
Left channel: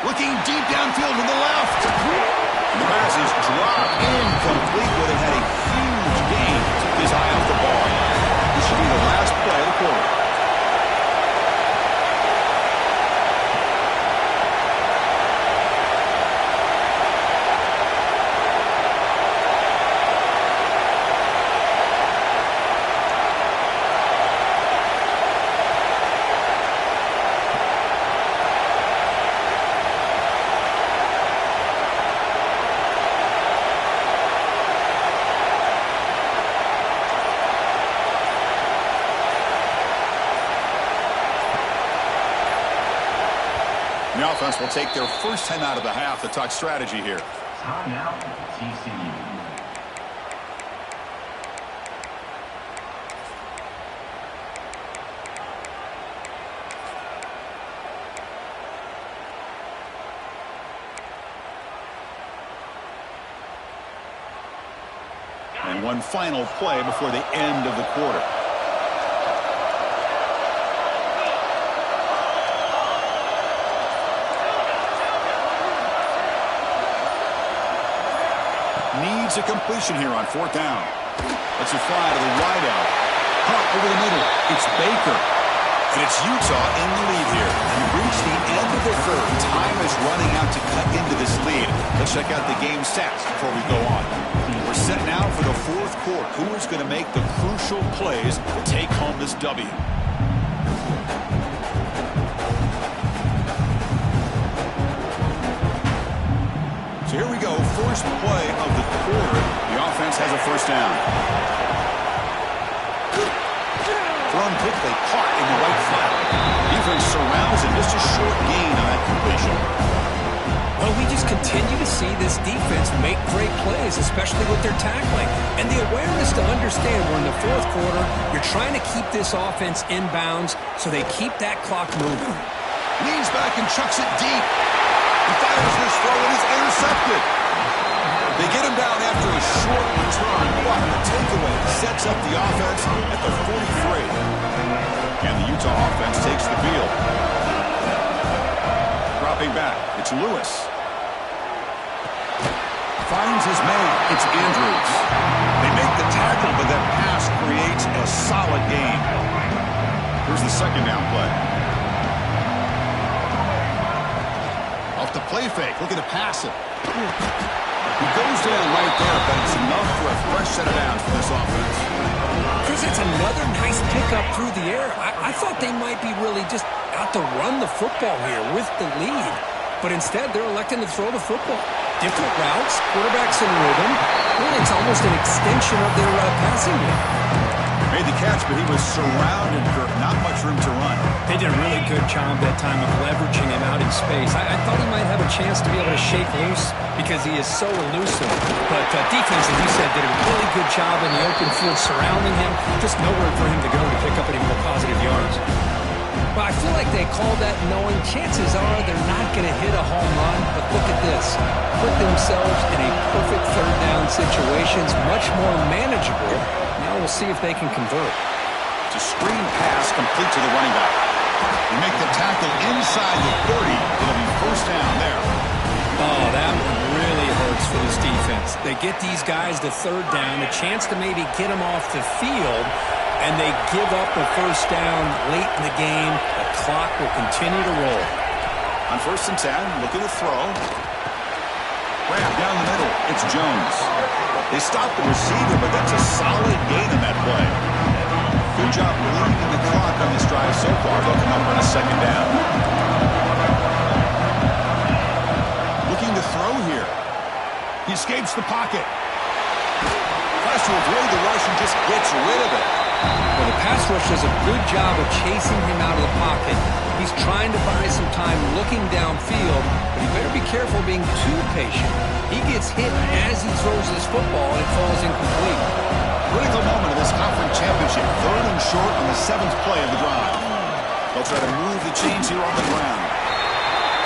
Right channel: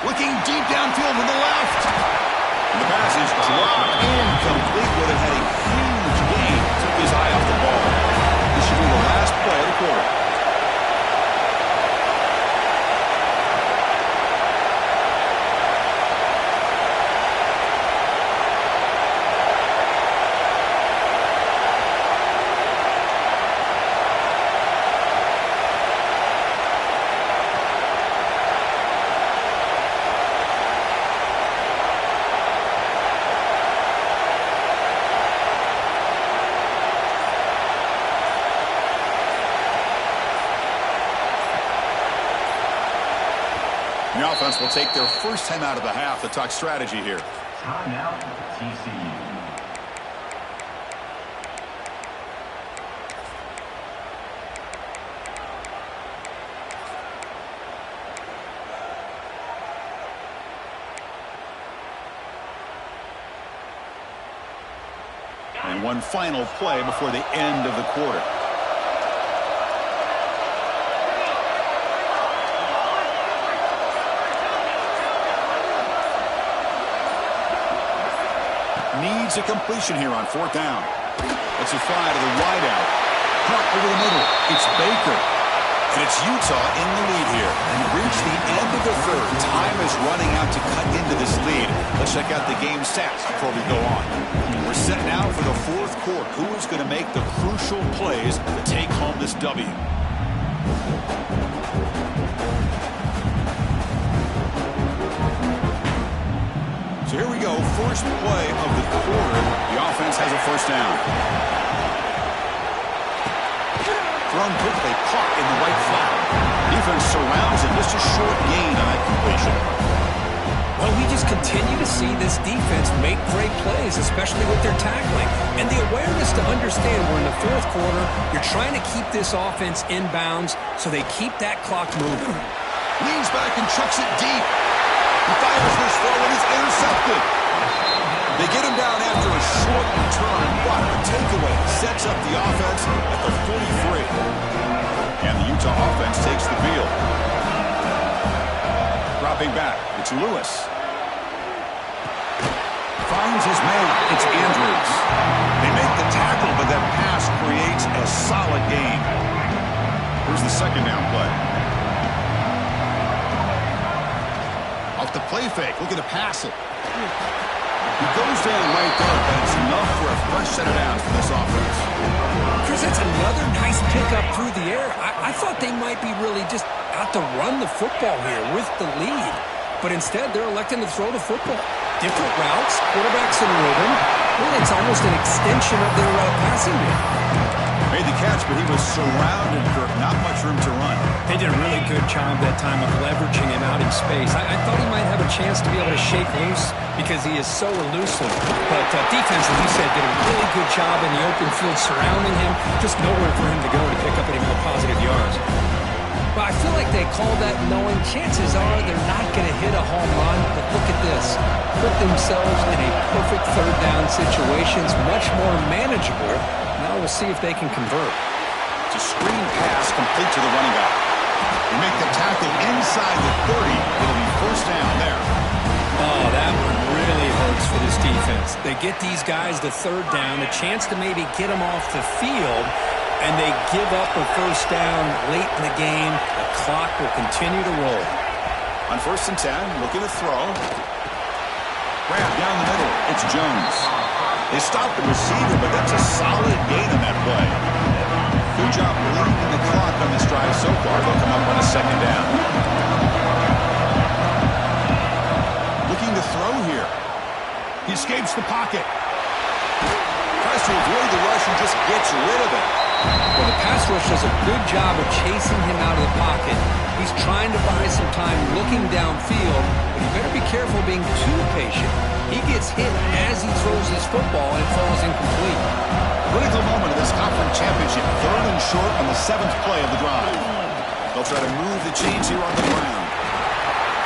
Looking deep downfield to the left. And the pass is dropped incomplete, but it had a huge gain. Took his eye off the ball. This should be the last play of the quarter. The offense will take their first time out of the half to talk strategy here. Timeout, TCU. And one final play before the end of the quarter. Needs a completion here on fourth down. Let's it fly to the wideout. Hunt over the middle. It's Baker. And it's Utah in the lead here. And reach the end of the third. Time is running out to cut into this lead. Let's check out the game stats before we go on. We're set now for the fourth quarter. Who is going to make the crucial plays to take home this W? So here we go, first play of the quarter. The offense has a first down. Thrown quickly, caught in the right flat. Defense surrounds him, just a short gain on that completion. Well, we just continue to see this defense make great plays, especially with their tackling. And the awareness to understand we're in the fourth quarter, you're trying to keep this offense in bounds so they keep that clock moving. Leans back and chucks it deep. He fires this throw and is intercepted. They get him down after a short return, but the takeaway sets up the offense at the 43. And the Utah offense takes the field. Dropping back, it's Lewis. Finds his man, it's Andrews. They make the tackle, but that pass creates a solid gain. Here's the second down play. Off the play fake, looking to pass it. He goes down right there, but it's enough for a fresh set of downs for this offense. Chris, that's another nice pickup through the air. I thought they might be really just out to run the football here with the lead. But instead, they're electing to throw the football. Different routes, quarterbacks in rhythm. Really, it's almost an extension of their passing game. Made the catch, but he was surrounded, Kirk. Not much room to run. They did a really good job that time of leveraging him out in space. I thought he might have a chance to be able to shake loose because he is so elusive. But defense, as you said, did a really good job in the open field surrounding him. Just nowhere for him to go to pick up any more positive yards. Well, I feel like they called that knowing chances are they're not going to hit a home run. But look at this. Put themselves in a perfect third down situation. It's much more manageable. Now we'll see if they can convert. It's a screen pass complete to the running back. They make the tackle inside the 30. It'll be first down there. Oh, that one really hurts for this defense. They get these guys to third down, a chance to maybe get them off the field, and they give up a first down late in the game. The clock will continue to roll. On 1st and 10, looking to throw. Grab down the middle. It's Jones. They stopped the receiver, but that's a solid gain on that play. Good job bleeding the clock on this drive so far. They'll come up on a second down. Looking to throw here. He escapes the pocket. Tries to avoid the rush and just gets rid of it. Well, the pass rush does a good job of chasing him out of the pocket. He's trying to buy some time looking downfield, but he better be careful being too patient. He gets hit as he throws his football, and it falls incomplete. Critical moment of this conference championship. 3rd and short on the 7th play of the drive. They'll try to move the chains here on the ground.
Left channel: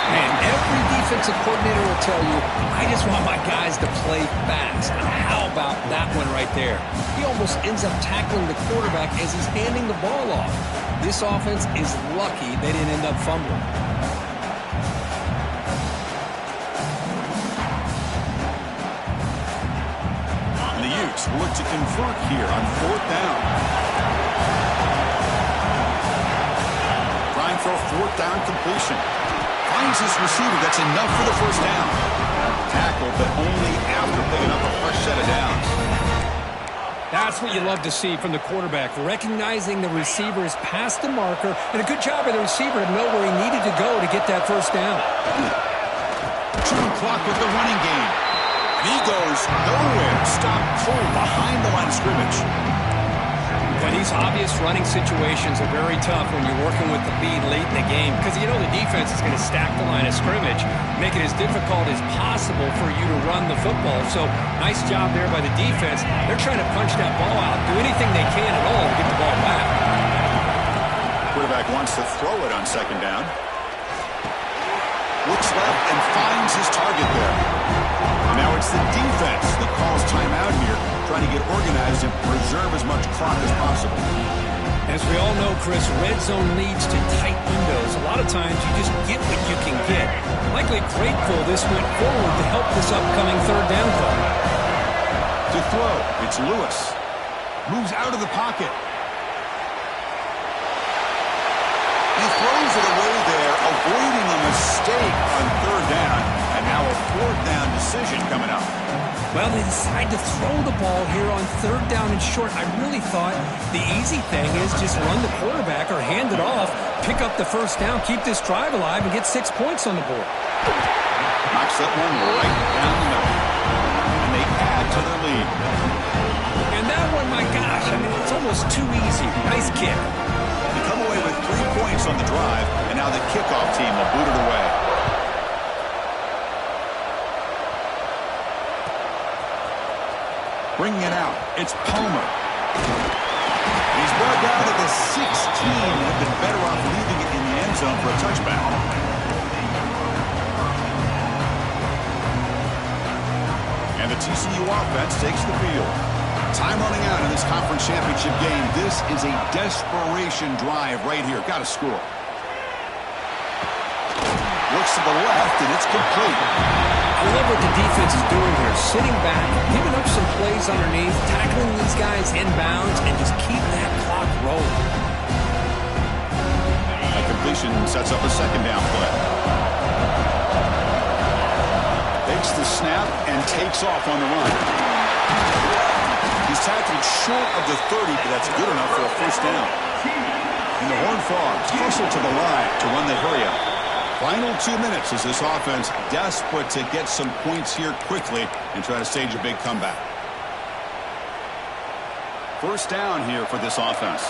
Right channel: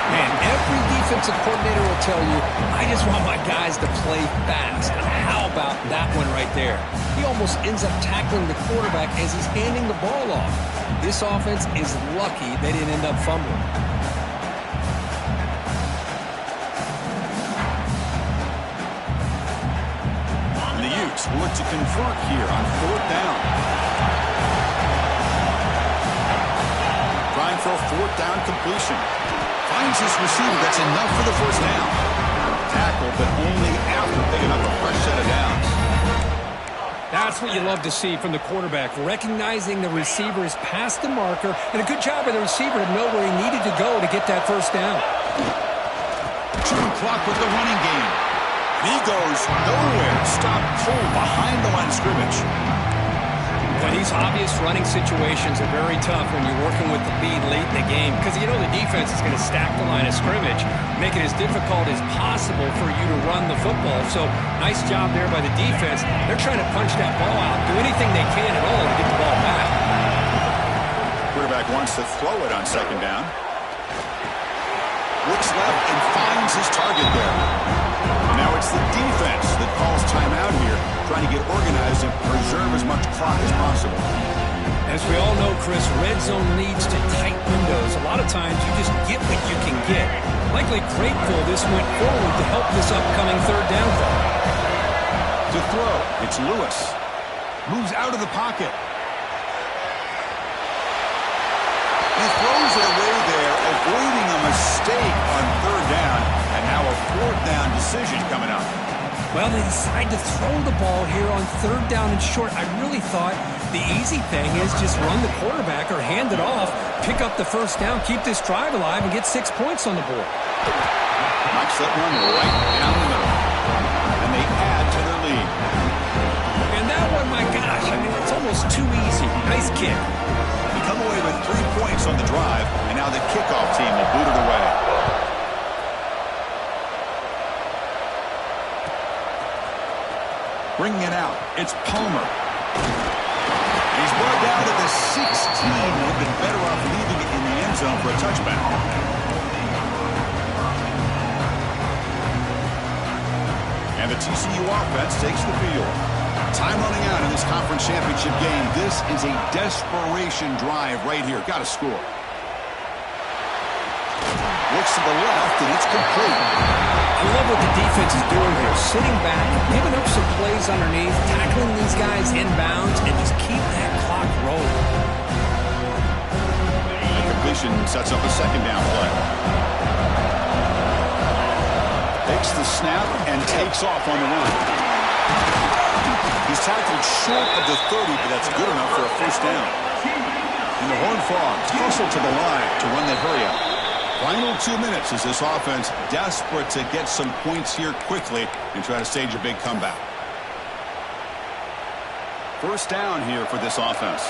Man, every defensive coordinator will tell you, I just want my guys to play fast. And how about that one right there? He almost ends up tackling the quarterback as he's handing the ball off. This offense is lucky they didn't end up fumbling. And the Utes will look to convert here on 4th down. Trying for a 4th down completion. Finds his receiver. That's enough for the first down. Tackle, but only after picking up a fresh set of downs. That's what you love to see from the quarterback, recognizing the receiver is past the marker, and a good job by the receiver to know where he needed to go to get that first down. Chewing clock with the running game. And he goes nowhere. Stop cold behind the line of scrimmage. But these obvious running situations are very tough when you're working with the lead late in the game because you know the defense is going to stack the line of scrimmage, make it as difficult as possible for you to run the football. So nice job there by the defense. They're trying to punch that ball out, do anything they can at all to get the ball back. Quarterback wants to throw it on 2nd down. Looks left and finds his target there. Now it's the defense that calls timeout here, trying to get organized and preserve as much clock as possible. As we all know, Chris, red zone leads to tight windows. A lot of times you just get what you can get. Likely grateful this went forward to help this upcoming 3rd down call. To throw, it's Lewis. Moves out of the pocket. He throws it away there, avoiding a mistake on 3rd down, and now a 4th down decision coming up. Well, they decide to throw the ball here on 3rd down and short. I really thought the easy thing is just run the quarterback or hand it off, pick up the first down, keep this drive alive, and get 6 points on the board. Knocks that one right down the middle. And they add to their lead. And that one, my gosh, I mean, it's almost too easy. Nice kick. They come away with 3 points on the drive, and now the kickoff team will boot it away. Bringing it out, it's Palmer. And he's brought down to the 16. They've been better off leaving it in the end zone for a touchback. And the TCU offense takes the field. Time running out in this conference championship game. This is a desperation drive right here. Got to score. Looks to the left, and it's complete. I love what the defense is doing here. Sitting back, giving up some plays underneath, tackling these guys inbounds, and just keep that clock rolling. That completion sets up a 2nd down play. Takes the snap and takes off on the run. He's tackled short of the 30, but that's good enough for a first down. And the Horned Frogs hustle to the line to run the hurry-up. Final 2 minutes as this offense desperate to get some points here quickly and try to stage a big comeback. First down here for this offense.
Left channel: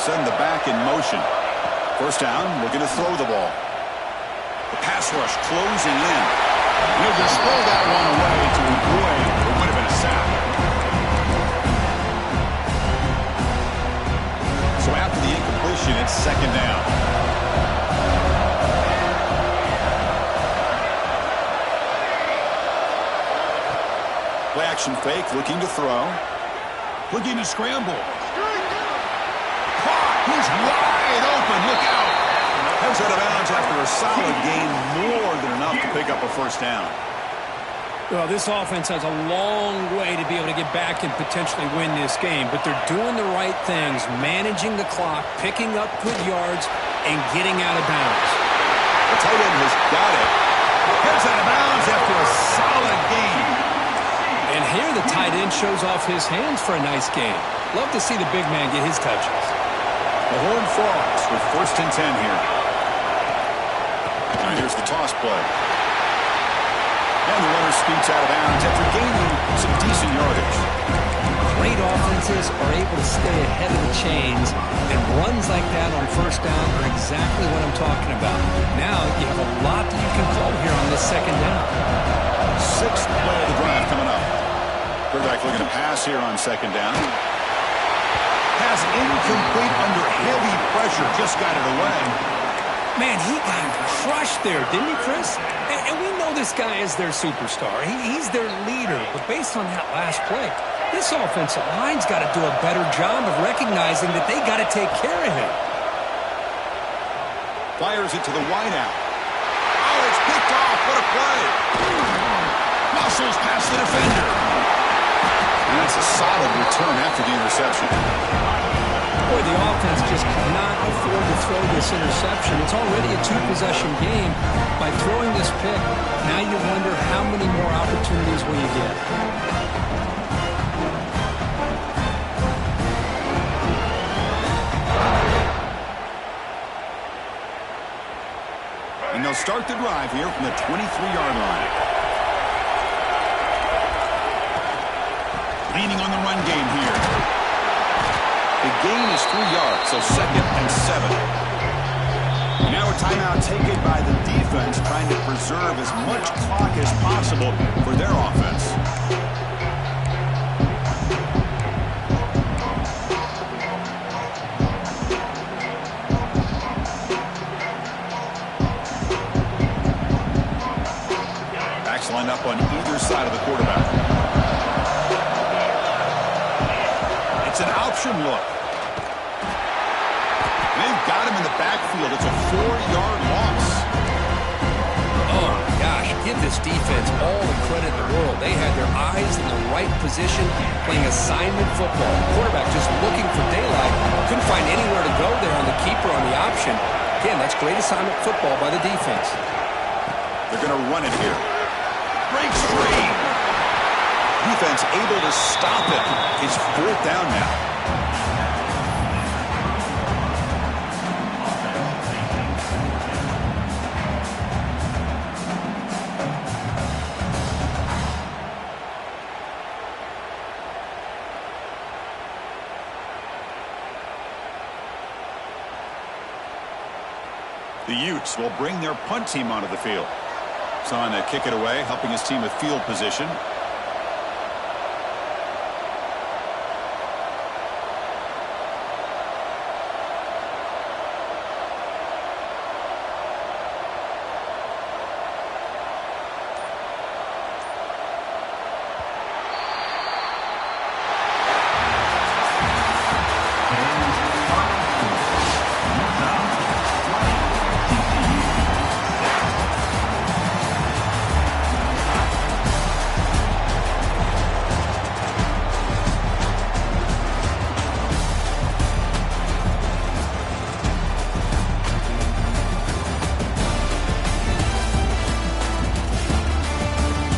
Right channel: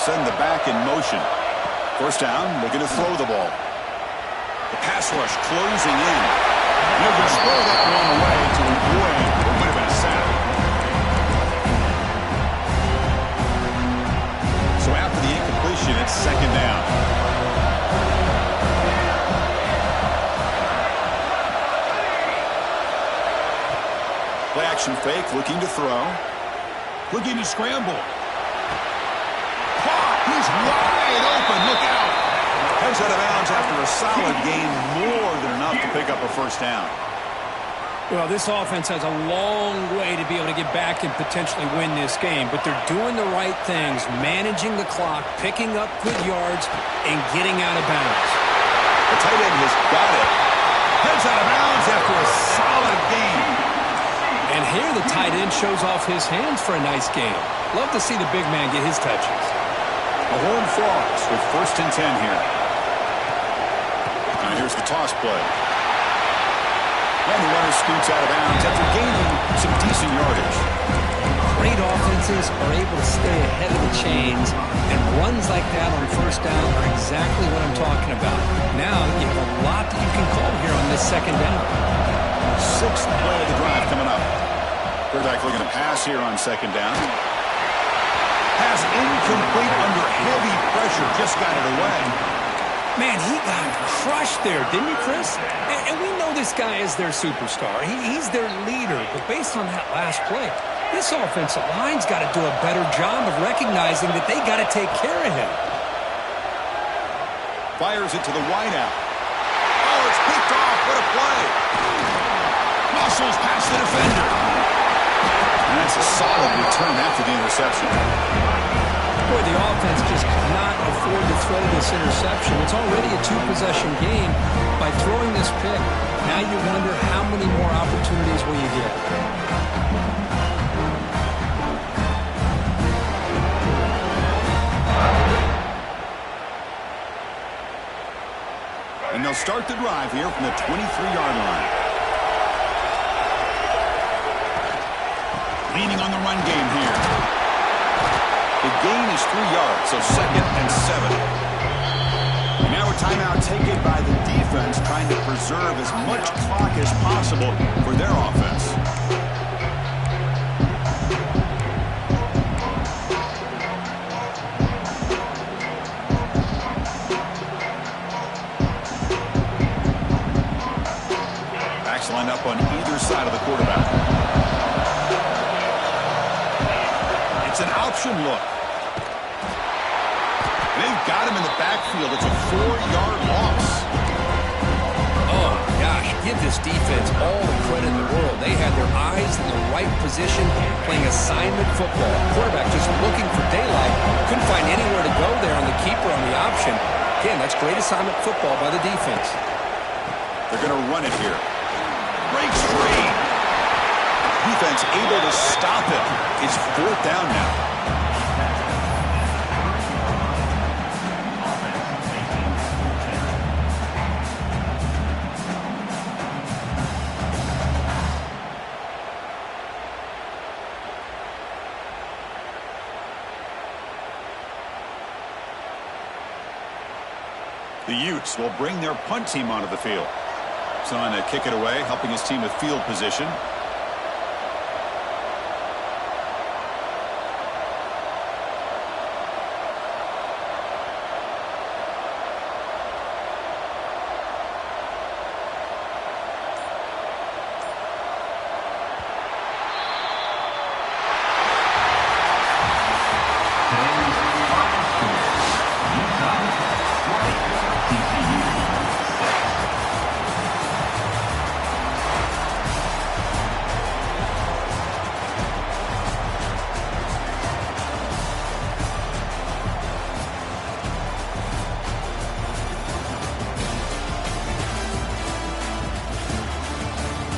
Send the back in motion. First down, looking to throw the ball. The pass rush closing in. And he'll just throw that one away to avoid what would have been a sack. So after the incompletion, it's 2nd down. Play action fake, looking to throw. Looking to scramble. Caught! He's wide open. Look out! Heads out of bounds after a solid gain, more than enough to pick up a first down. Well, this offense has a long way to be able to get back and potentially win this game, but they're doing the right things, managing the clock, picking up good yards, and getting out of bounds. The tight end has got it. Heads out of bounds after a solid gain. And here the tight end shows off his hands for a nice game. Love to see the big man get his touches. The Horned Frogs with 1st and 10 here. Now here's the toss play. And the runner scoots out of bounds after gaining some decent yardage. Great offenses are able to stay ahead of the chains, and runs like that on 1st down are exactly what I'm talking about. Now you have a lot that you can call here on this 2nd down. 6th play of the drive coming up. Quarterback looking to pass here on 2nd down. Pass incomplete under heavy pressure. Just got it away. Man, he got crushed there, didn't he, Chris? And we know this guy is their superstar. He's their leader. But based on that last play, this offensive line's got to do a better job of recognizing that they got to take care of him. Fires it to the wideout. Oh, it's picked off. What a play. Muscles past the defender. And that's a solid return after the interception. Boy, the offense just cannot afford to throw this interception. It's already a 2-possession game. By throwing this pick, now you wonder how many more opportunities will you get. And they'll start the drive here from the 23-yard line. Leaning on the run game here. The gain is 3 yards, so 2nd and 7. And now a timeout taken by the defense, trying to preserve as much clock as possible for their offense. Backs lined up on either side of the quarterback. It's an option look. And they've got him in the backfield. It's a 4-yard loss. Oh, my gosh. Give this defense all the credit in the world. They had their eyes in the right position playing assignment football. Quarterback just looking for daylight. Couldn't find anywhere to go there on the keeper on the option. Again, that's great assignment football by the defense. They're going to run it here. Breaks free. Defense able to stop it. It's 4th down now. The Utes will bring their punt team onto the field. Son to kick it away, helping his team with field position.